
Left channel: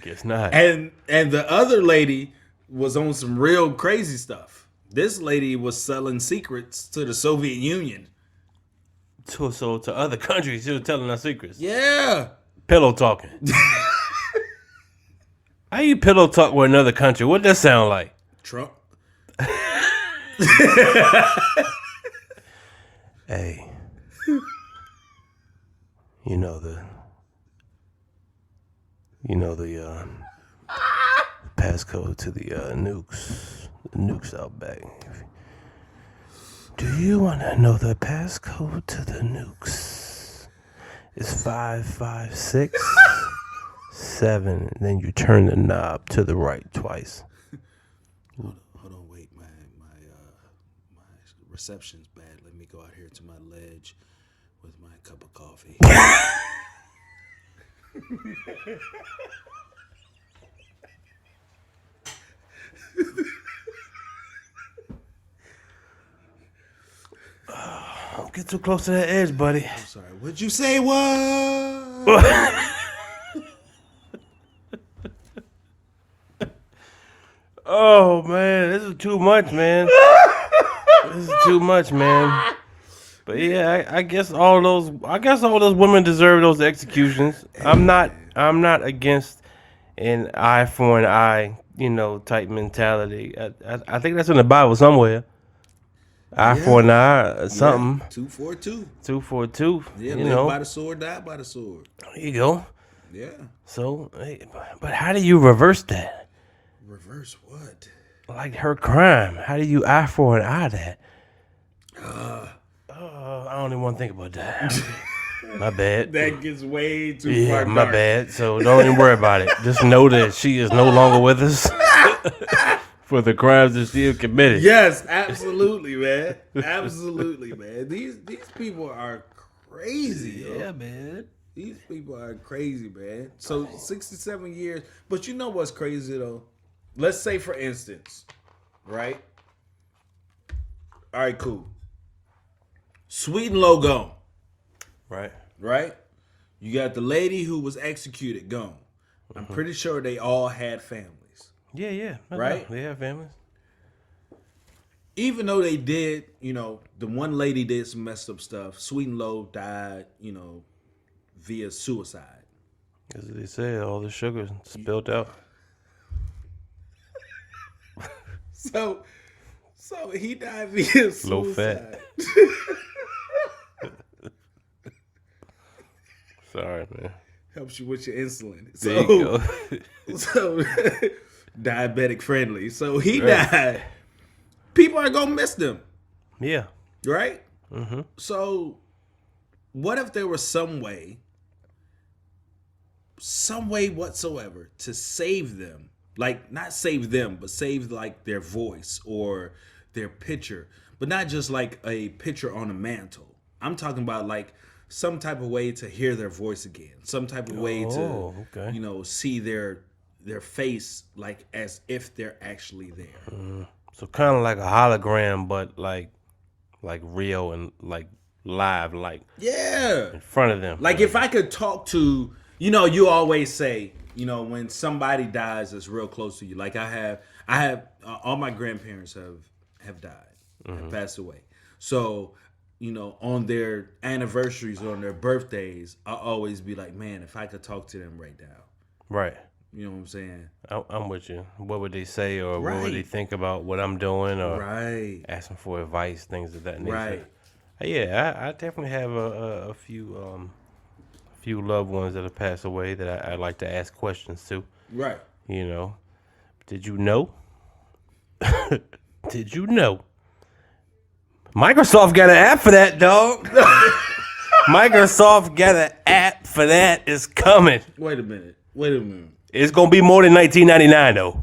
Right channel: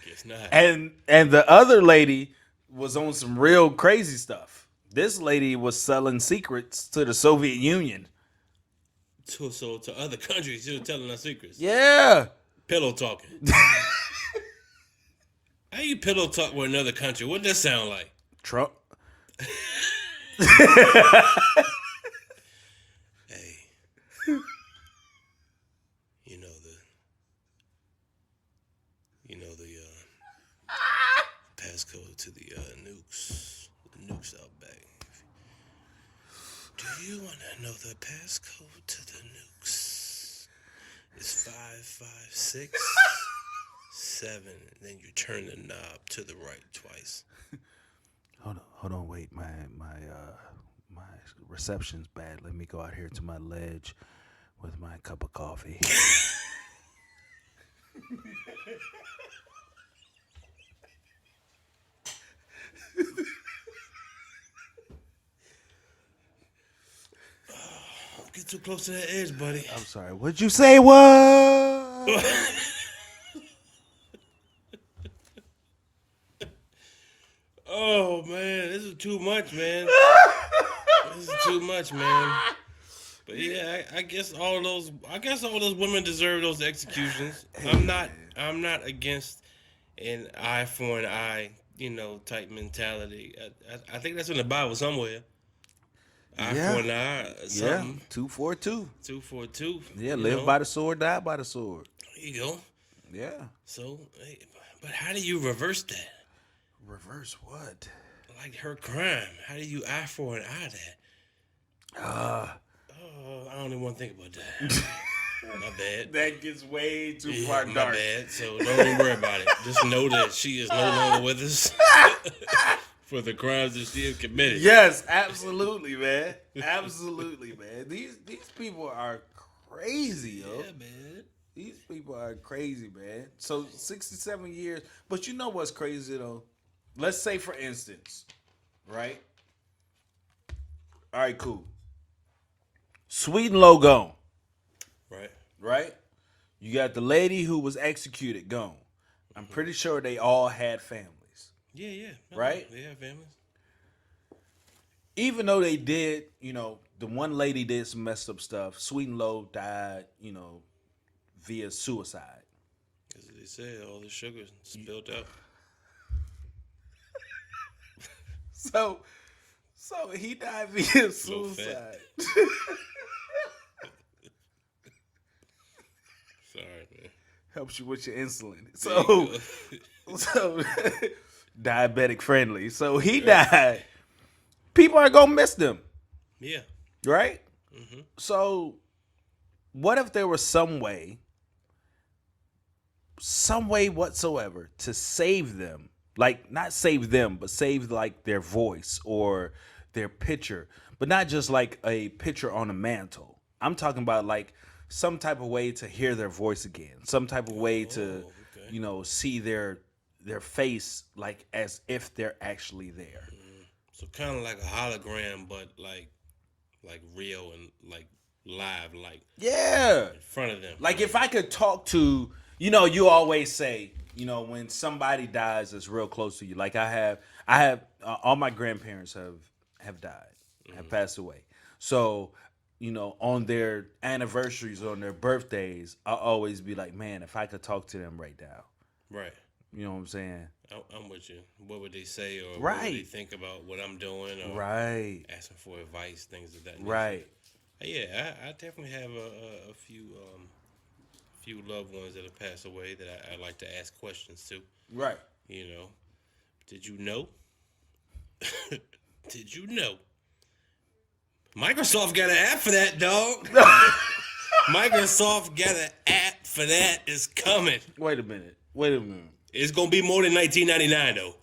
Guess not. And the other lady was on some real crazy stuff. This lady was selling secrets to the Soviet Union. to other countries, she was telling our secrets. Yeah. Pillow talking. How you pillow talk with another country? What that sound like? Trump. Hey. You know the passcode to the nukes out back. Do you want to know the passcode to the nukes? It's 5567. And then you turn the knob to the right twice. Hold on, wait. My reception's bad. Let me go out here to my ledge with my cup of coffee. Don't get too close to that edge, buddy. I'm sorry. What'd you say? What? Oh man, this is too much, man. This is too much, man. But yeah, I guess all those women deserve those executions. I'm not against an eye for an eye, type mentality. I think that's in the Bible somewhere. Eye for an eye, something. 2 for 2. 2 for 2. Yeah, live by the sword, die by the sword. There you go. Yeah. So, but how do you reverse that? Reverse what? Like her crime. How do you eye for an eye that? I don't even want to think about that. My bad. That gets way too far. My bad. So don't even worry about it. Just know that she is no longer with us for the crimes that she has committed. Yes, absolutely, man. Absolutely, man. These people are crazy. Yeah, man. These people are crazy, man. So 67 years. But you know what's crazy though? Let's say, for instance, right? All right, cool. Sweet and low gone. Right? You got the lady who was executed gone. I'm pretty sure they all had families. Yeah. Right? They have families. Even though they did, the one lady did some messed up stuff. Sweet and low died, via suicide. As they say, all the sugar spilled out. So he died via suicide. Low fat. Sorry, man. Helps you with your insulin. There you go. So diabetic friendly. So he died. People are gonna miss them. Yeah. Right? Mm-hmm. So what if there was some way whatsoever to save them? Like, not save them, but save like their voice or their picture. But not just like a picture on a mantle. I'm talking about like some type of way to hear their voice again. Some type of way to, see their face like as if they're actually there. So kind of like a hologram, but like real and like live, like in front of them. Like if I could talk to, you always say, when somebody dies that's real close to you. Like I have all my grandparents have died, have passed away. So, on their anniversaries, on their birthdays, I'll always be like, man, if I could talk to them right now. Right. You know what I'm saying? I'm with you. What would they say, or Right. what would they think about what I'm doing, or Right. asking for advice, things of that nature. Right. Yeah, I definitely have a few loved ones that have passed away that I like to ask questions to. Right. Did you know? Did you know? Microsoft got an app for that, dog. Microsoft got an app for that. It's coming. Wait a minute. It's gonna be more than $19.99 though.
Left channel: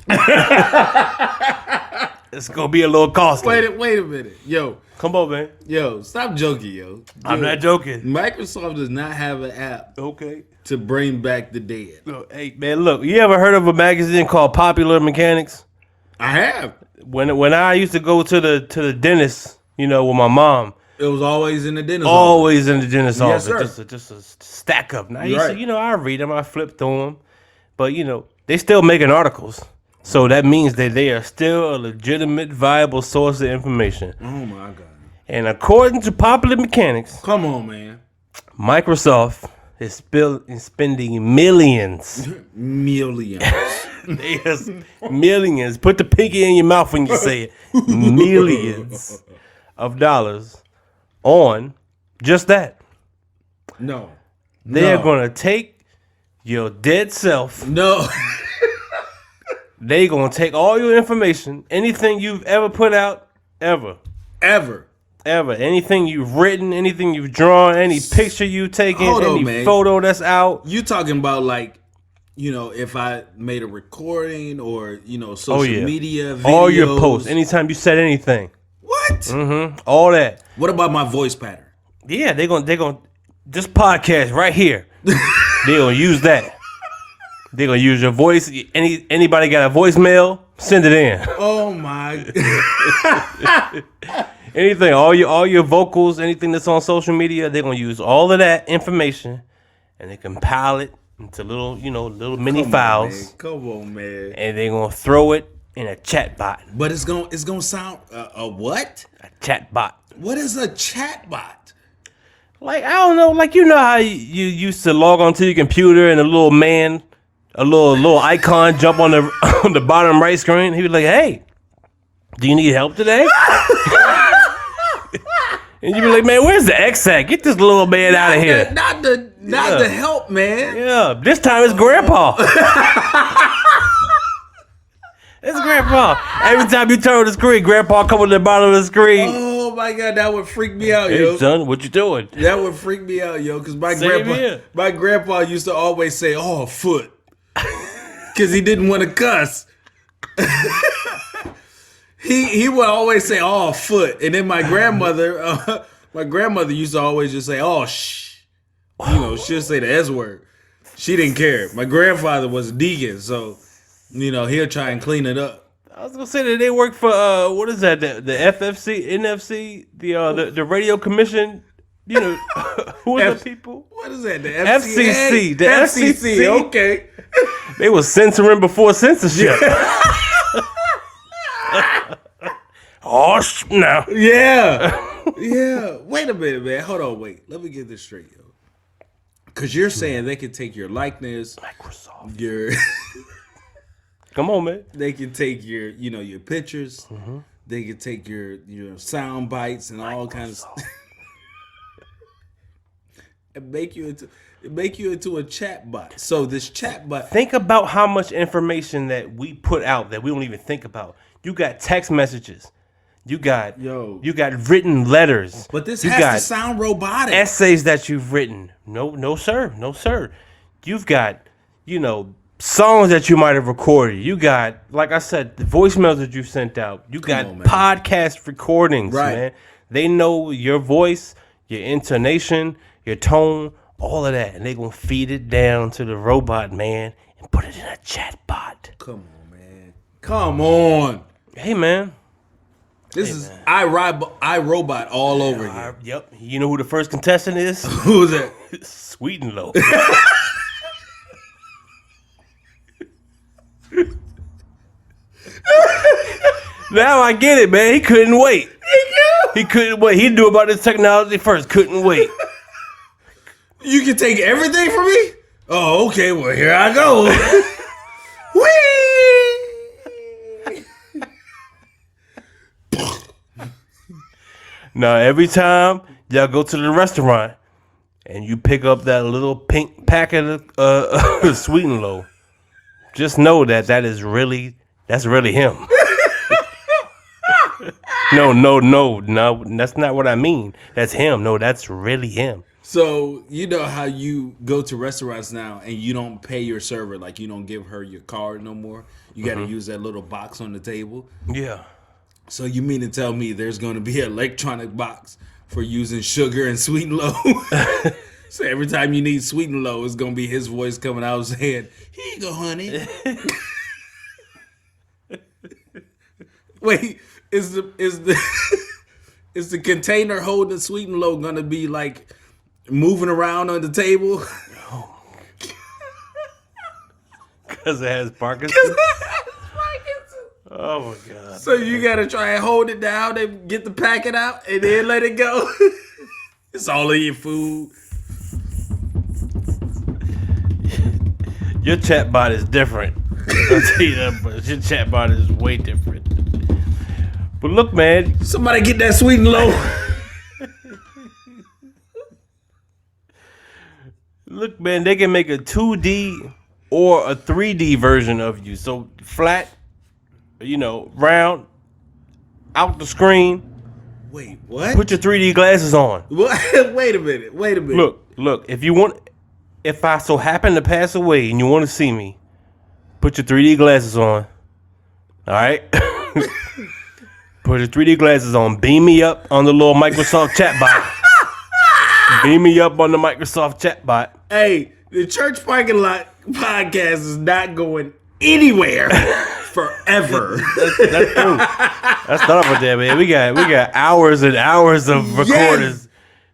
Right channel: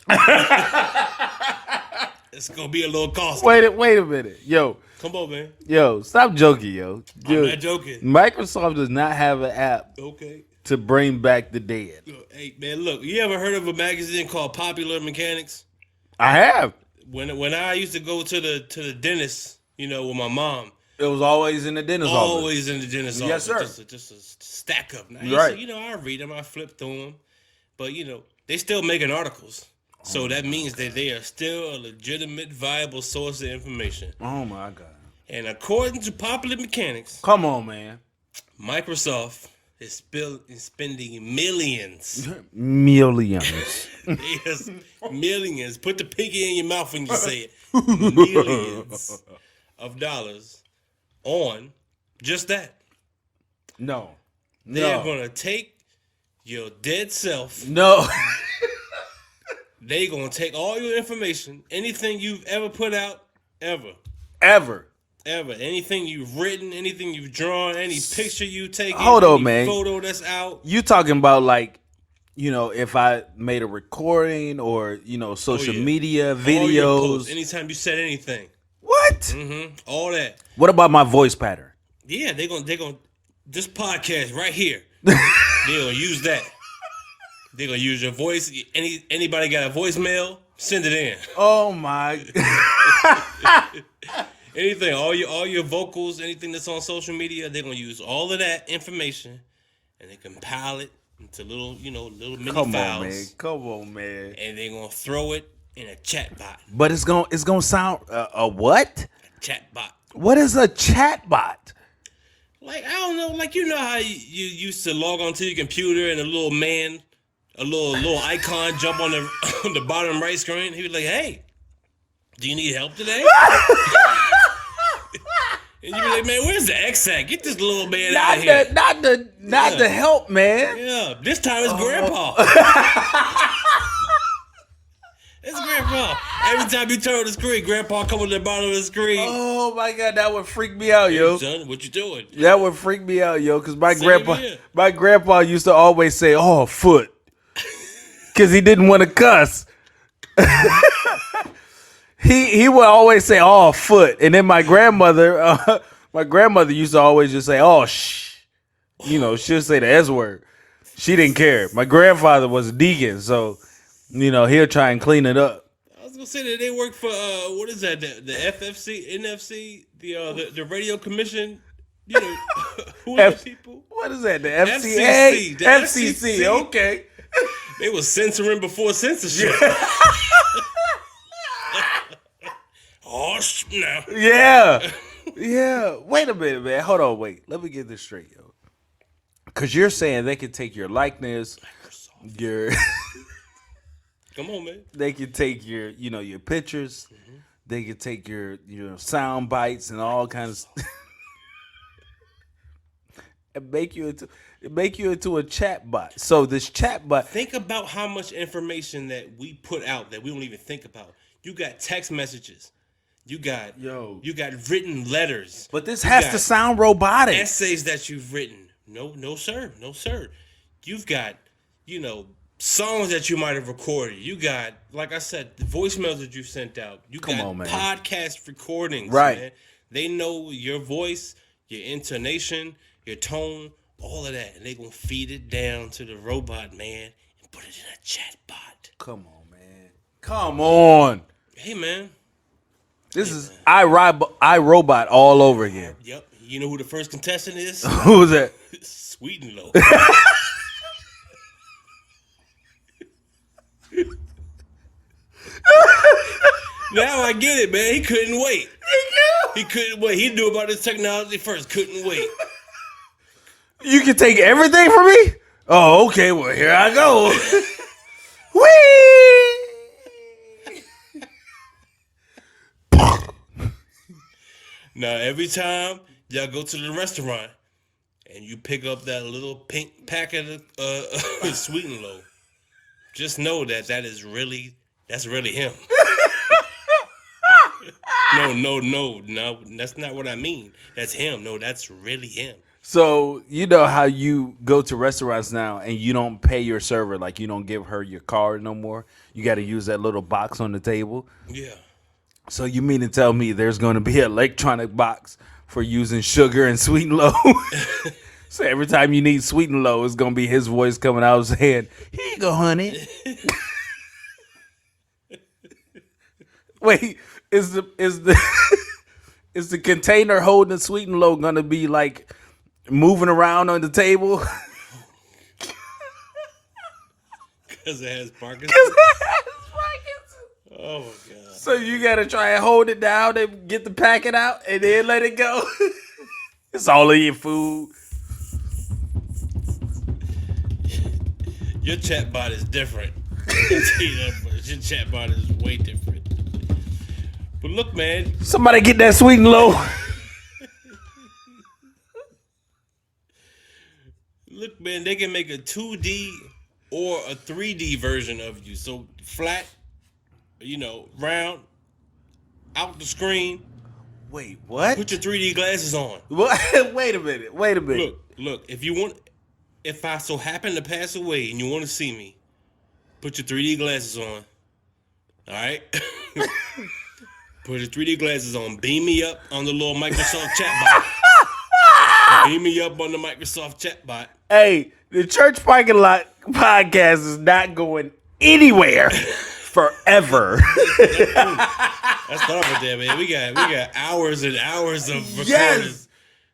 It's gonna be a little costly. Wait a minute. Yo. Come on, man. Yo, stop joking, yo. I'm not joking. Microsoft does not have an app to bring back the dead. Hey, man, look. You ever heard of a magazine called Popular Mechanics? I have. When I used to go to the dentist, with my mom. It was always in the dentist Always in the dentist Yes, office. sir. Just a stack of them. Right. I read them, I flip through them. But, they still making articles. So that means that they are still a legitimate, viable source of information. Oh, my God. And according to popular mechanics, come on, man. Microsoft is spending millions. Millions. Yes, millions. Put the pinky in your mouth when you say it. Millions of dollars on just that. No. They're going to take your dead self. No. They're going to take all your information, anything you've ever put out, ever. Anything you've written, anything you've drawn, any picture you've taken, any photo that's out. You talking about like, if I made a recording or, social media, videos. All your posts, anytime you said anything. What? Mm-hmm. All that. What about my voice pattern? Yeah, they're gonna this podcast right here. They're gonna use that. They're gonna use your voice. Anybody got a voicemail? Send it in. Oh my. Anything, all your vocals, anything that's on social media, they're gonna use all of that information and they compile it into little mini files. Come on, man. And they're gonna throw it in a chatbot. But it's gonna sound a what? A chatbot. What is a chatbot? Like, I don't know, like, how you used to log onto your computer and a little icon jump on the bottom right screen. He was like, "Hey, do you need help today?" And you be like, "Man, where's the X at? Get this little man out of here." Not the help, man. Yeah, this time it's Grandpa. It's Grandpa. Every time you turn on the screen, Grandpa come on the bottom of the screen. Oh my God, that would freak me out, "Hey, yo. son, what you doing?" That would freak me out, yo, because my Here. grandpa used to always say, "Oh, foot," because he didn't want to cuss. He would always say, "Oh, foot," and then my grandmother used to always just say, "Oh, shh," she'll say the S word. She didn't care. My grandfather was a deacon, so he'll try and clean it up. I was gonna say that they work for what is that? The FFC, NFC, the Radio Commission. Who are the people? What is that? The FCC. The FCC. Okay. They was censoring before censorship. No. Yeah. Yeah. Wait a minute, man. Hold on. Wait. Let me get this straight, yo. Because you're saying they can take your likeness, Microsoft. your. Come on, man. They can take your, your pictures. Mm-hmm. They can take your sound bites and all kinds of stuff. And make you into a chat bot. So this chat bot. Think about how much information that we put out that we don't even think about. You got text messages. You got written letters. But this has to sound robotic. Essays that you've written. No, sir. You've got, songs that you might have recorded. You got, like I said, the voicemails that you sent out. You got podcast recordings, man. They know your voice, your intonation, your tone, all of that. And they're going to feed it down to the robot, man, and put it in a chat bot. Come on, man. Come on. Hey, man. This is iRobot all over again. Yep. You know who the first contestant is? Who's that? Sweet and Low. Now I get it, man. He couldn't wait. He couldn't wait. He knew about this technology first. Couldn't wait. You can take everything from me? Oh, okay. Well, here I go. Whee! Now, every time y'all go to the restaurant and you pick up that little pink packet of Sweet and Low, just know that's really him. No, that's not what I mean. That's him. No, that's really him. So, you know how you go to restaurants now and you don't pay your server, like you don't give her your card no more? You got to use that little box on the table? Yeah. So you mean to tell me there's going to be an electronic box for using sugar and Sweet and Low? So every time you need Sweet and Low, it's going to be his voice coming out saying, "Here you go, honey." Wait, is the container holding Sweet and Low going to be like moving around on the table? Because it has Parkinson's. Oh my God. So you gotta try and hold it down and get the packet out and then let it go. It's all in your food. Your chatbot is different. I'll tell you that, but your chatbot is way different. But look, man. Somebody get that sweet and low. Look, man, they can make a 2D or a 3D version of you. So flat, round, out the screen. Wait, what? Put your 3D glasses on. What? Wait a minute. Look, if I so happen to pass away and you want to see me, put your 3D glasses on. All right? Put your 3D glasses on. Beam me up on the little Microsoft chatbot. Beam me up on the Microsoft chatbot. Hey, the Church Parking Lot podcast is not going anywhere forever. That's true. That's not with that, man. We got hours and hours of recordings. Yes.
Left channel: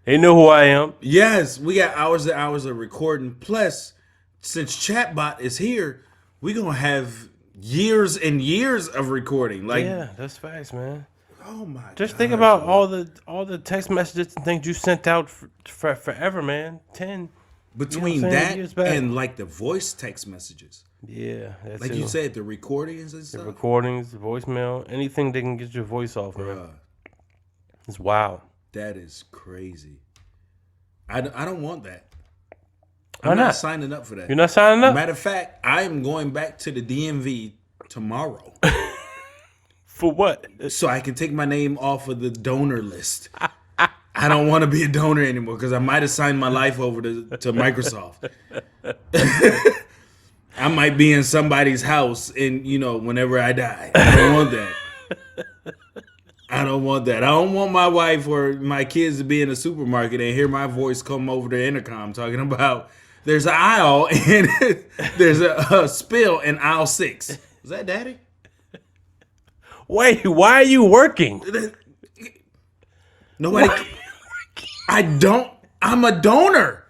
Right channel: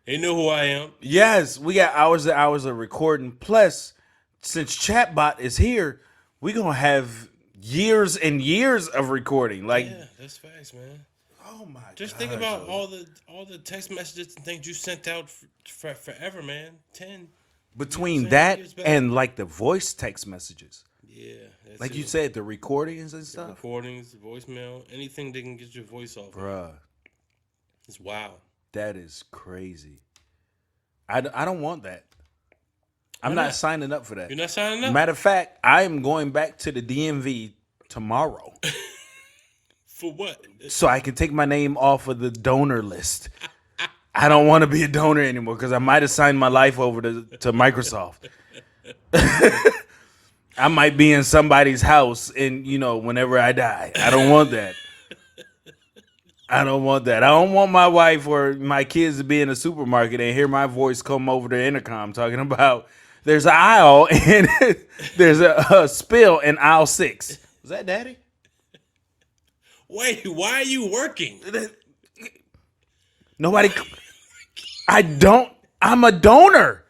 They know who I am. Yes, we got hours and hours of recording. Plus, since ChAtbot is here, we're gonna have years and years of recording. Yeah, that's facts, man. Oh my! Just think about all the text messages and things you sent out for forever, man. Between that and like the voice text messages. Yeah, that's like you said, the recordings and stuff. The recordings, the voicemail, anything they can get your voice off, bro. It's wild. That is crazy. I don't want that. I'm not signing up for that. You're not signing up? Matter of fact, I am going back to the DMV tomorrow. For what? So I can take my name off of the donor list. I don't want to be a donor anymore because I might have signed my life over to Microsoft. I might be in somebody's house and, whenever I die. I don't want that. I don't want that. I don't want my wife or my kids to be in a supermarket and hear my voice come over the intercom talking about there's an aisle and there's a spill in aisle 6. Is that Daddy? Wait, why are you working? Nobody. I'm a donor.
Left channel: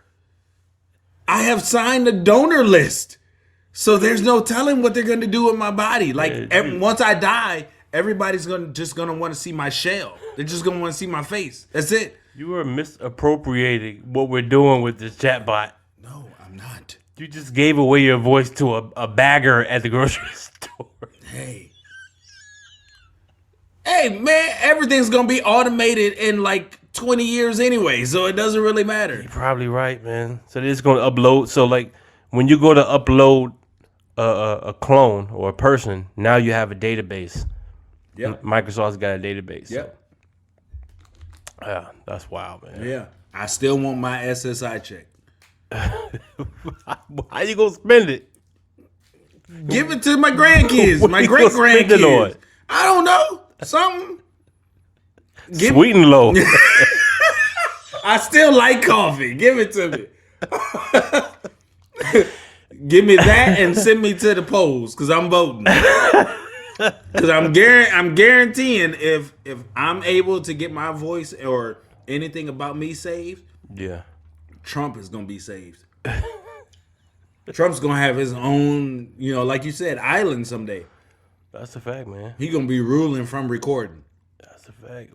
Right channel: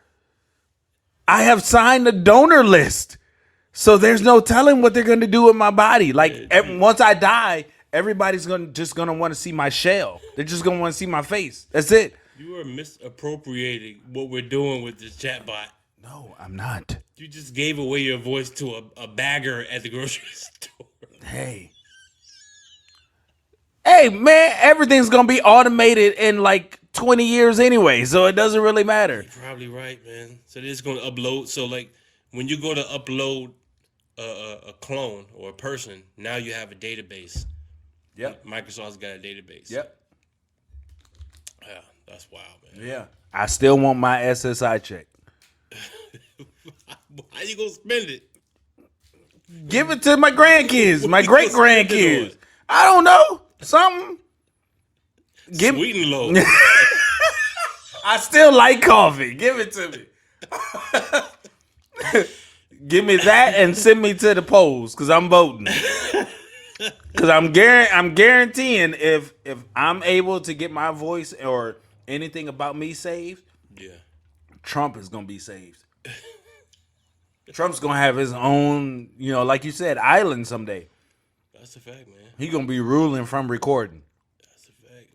I have signed a donor list. So there's no telling what they're going to do with my body. Once I die, everybody's just gonna want to see my shell. They're just gonna want to see my face. That's it. You are misappropriating what we're doing with this chatbot. No, I'm not. You just gave away your voice to a bagger at the grocery store. Hey, man, everything's gonna be automated in like 20 years anyway, so it doesn't really matter. You're probably right, man. So they're just gonna upload. So like when you go to upload a clone or a person, now you have a database. Yeah, Microsoft's got a database. Yeah, yeah, that's wild, man. Yeah, I still want my SSI check. How you gonna spend it? Give it to my grandkids, my great grandkids. I don't know, something. Sweet and low. I still like coffee. Give it to me. Give me that and send me to the polls because I'm voting. Because I'm guaranteeing if I'm able to get my voice or anything about me saved, Trump is gonna be saved. Trump's gonna have his own, like you said, island someday. That's a fact, man. He gonna be ruling from recording. That's a fact.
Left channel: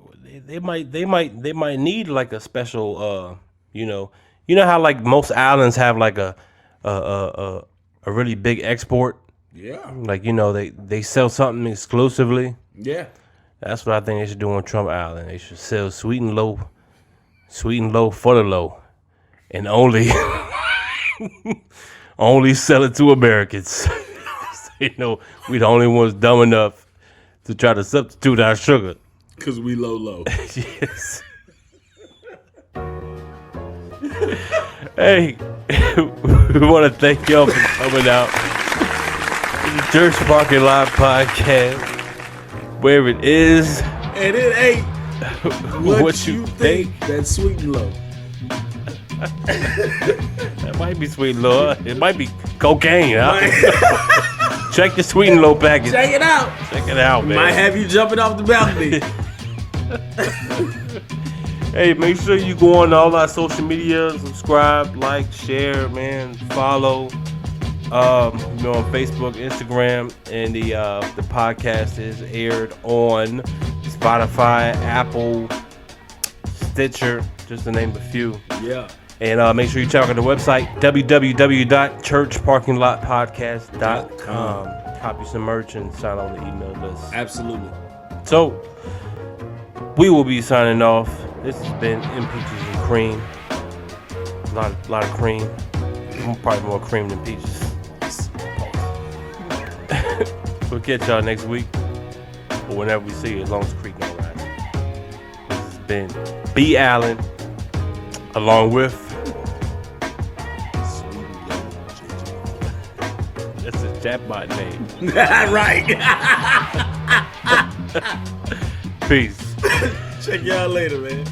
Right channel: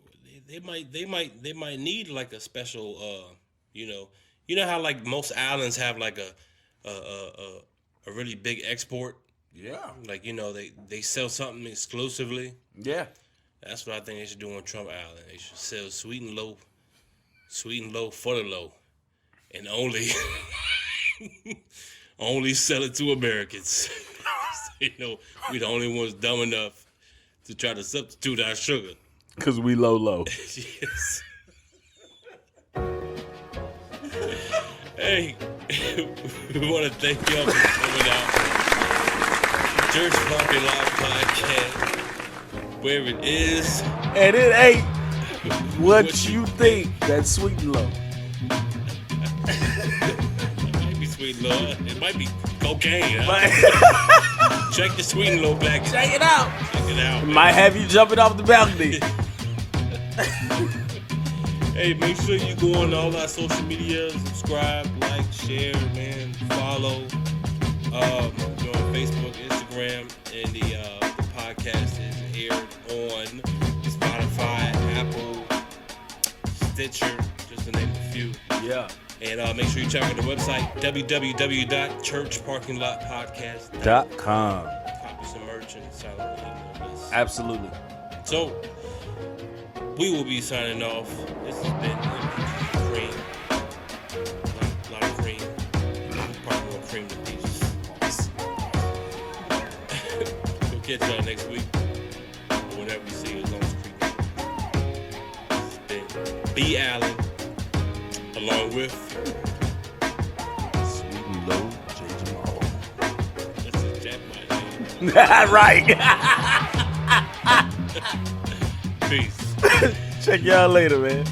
They might need like a special, you know how like most islands have like a really big export. Yeah. Like, they sell something exclusively. Yeah. That's what I think they should do on Trump Island. They should sell sweet and low for the low. And only sell it to Americans. We the only ones dumb enough to try to substitute our sugar. Because we low. Yes. Hey, we want to thank y'all for coming out. Church Parking Lot Podcast, where it is and it ain't what you think. That's sweet and low. That might be sweet and low. It might be cocaine. Huh? Check the sweet and low package. Check it out. Check it out, man. Might have you jumping off the balcony. Hey, make sure you go on all our social media, subscribe, like, share, man, follow. We're on Facebook, Instagram, and the podcast is aired on Spotify, Apple, Stitcher, just to name a few. Yeah. And make sure you check out the website, www.churchparkinglotpodcast.com. Copy some merch and sign on the email list. Absolutely. So, we will be signing off. This has been Impeaches and Cream. A lot of cream. Probably more cream than peaches. We'll catch y'all next week. Or whenever we see you, as long as Creek knows that. This has been B. Allen, along with Sweet and Low, J.J. that's his ChAtbot name. Right. Peace. Check y'all later, man.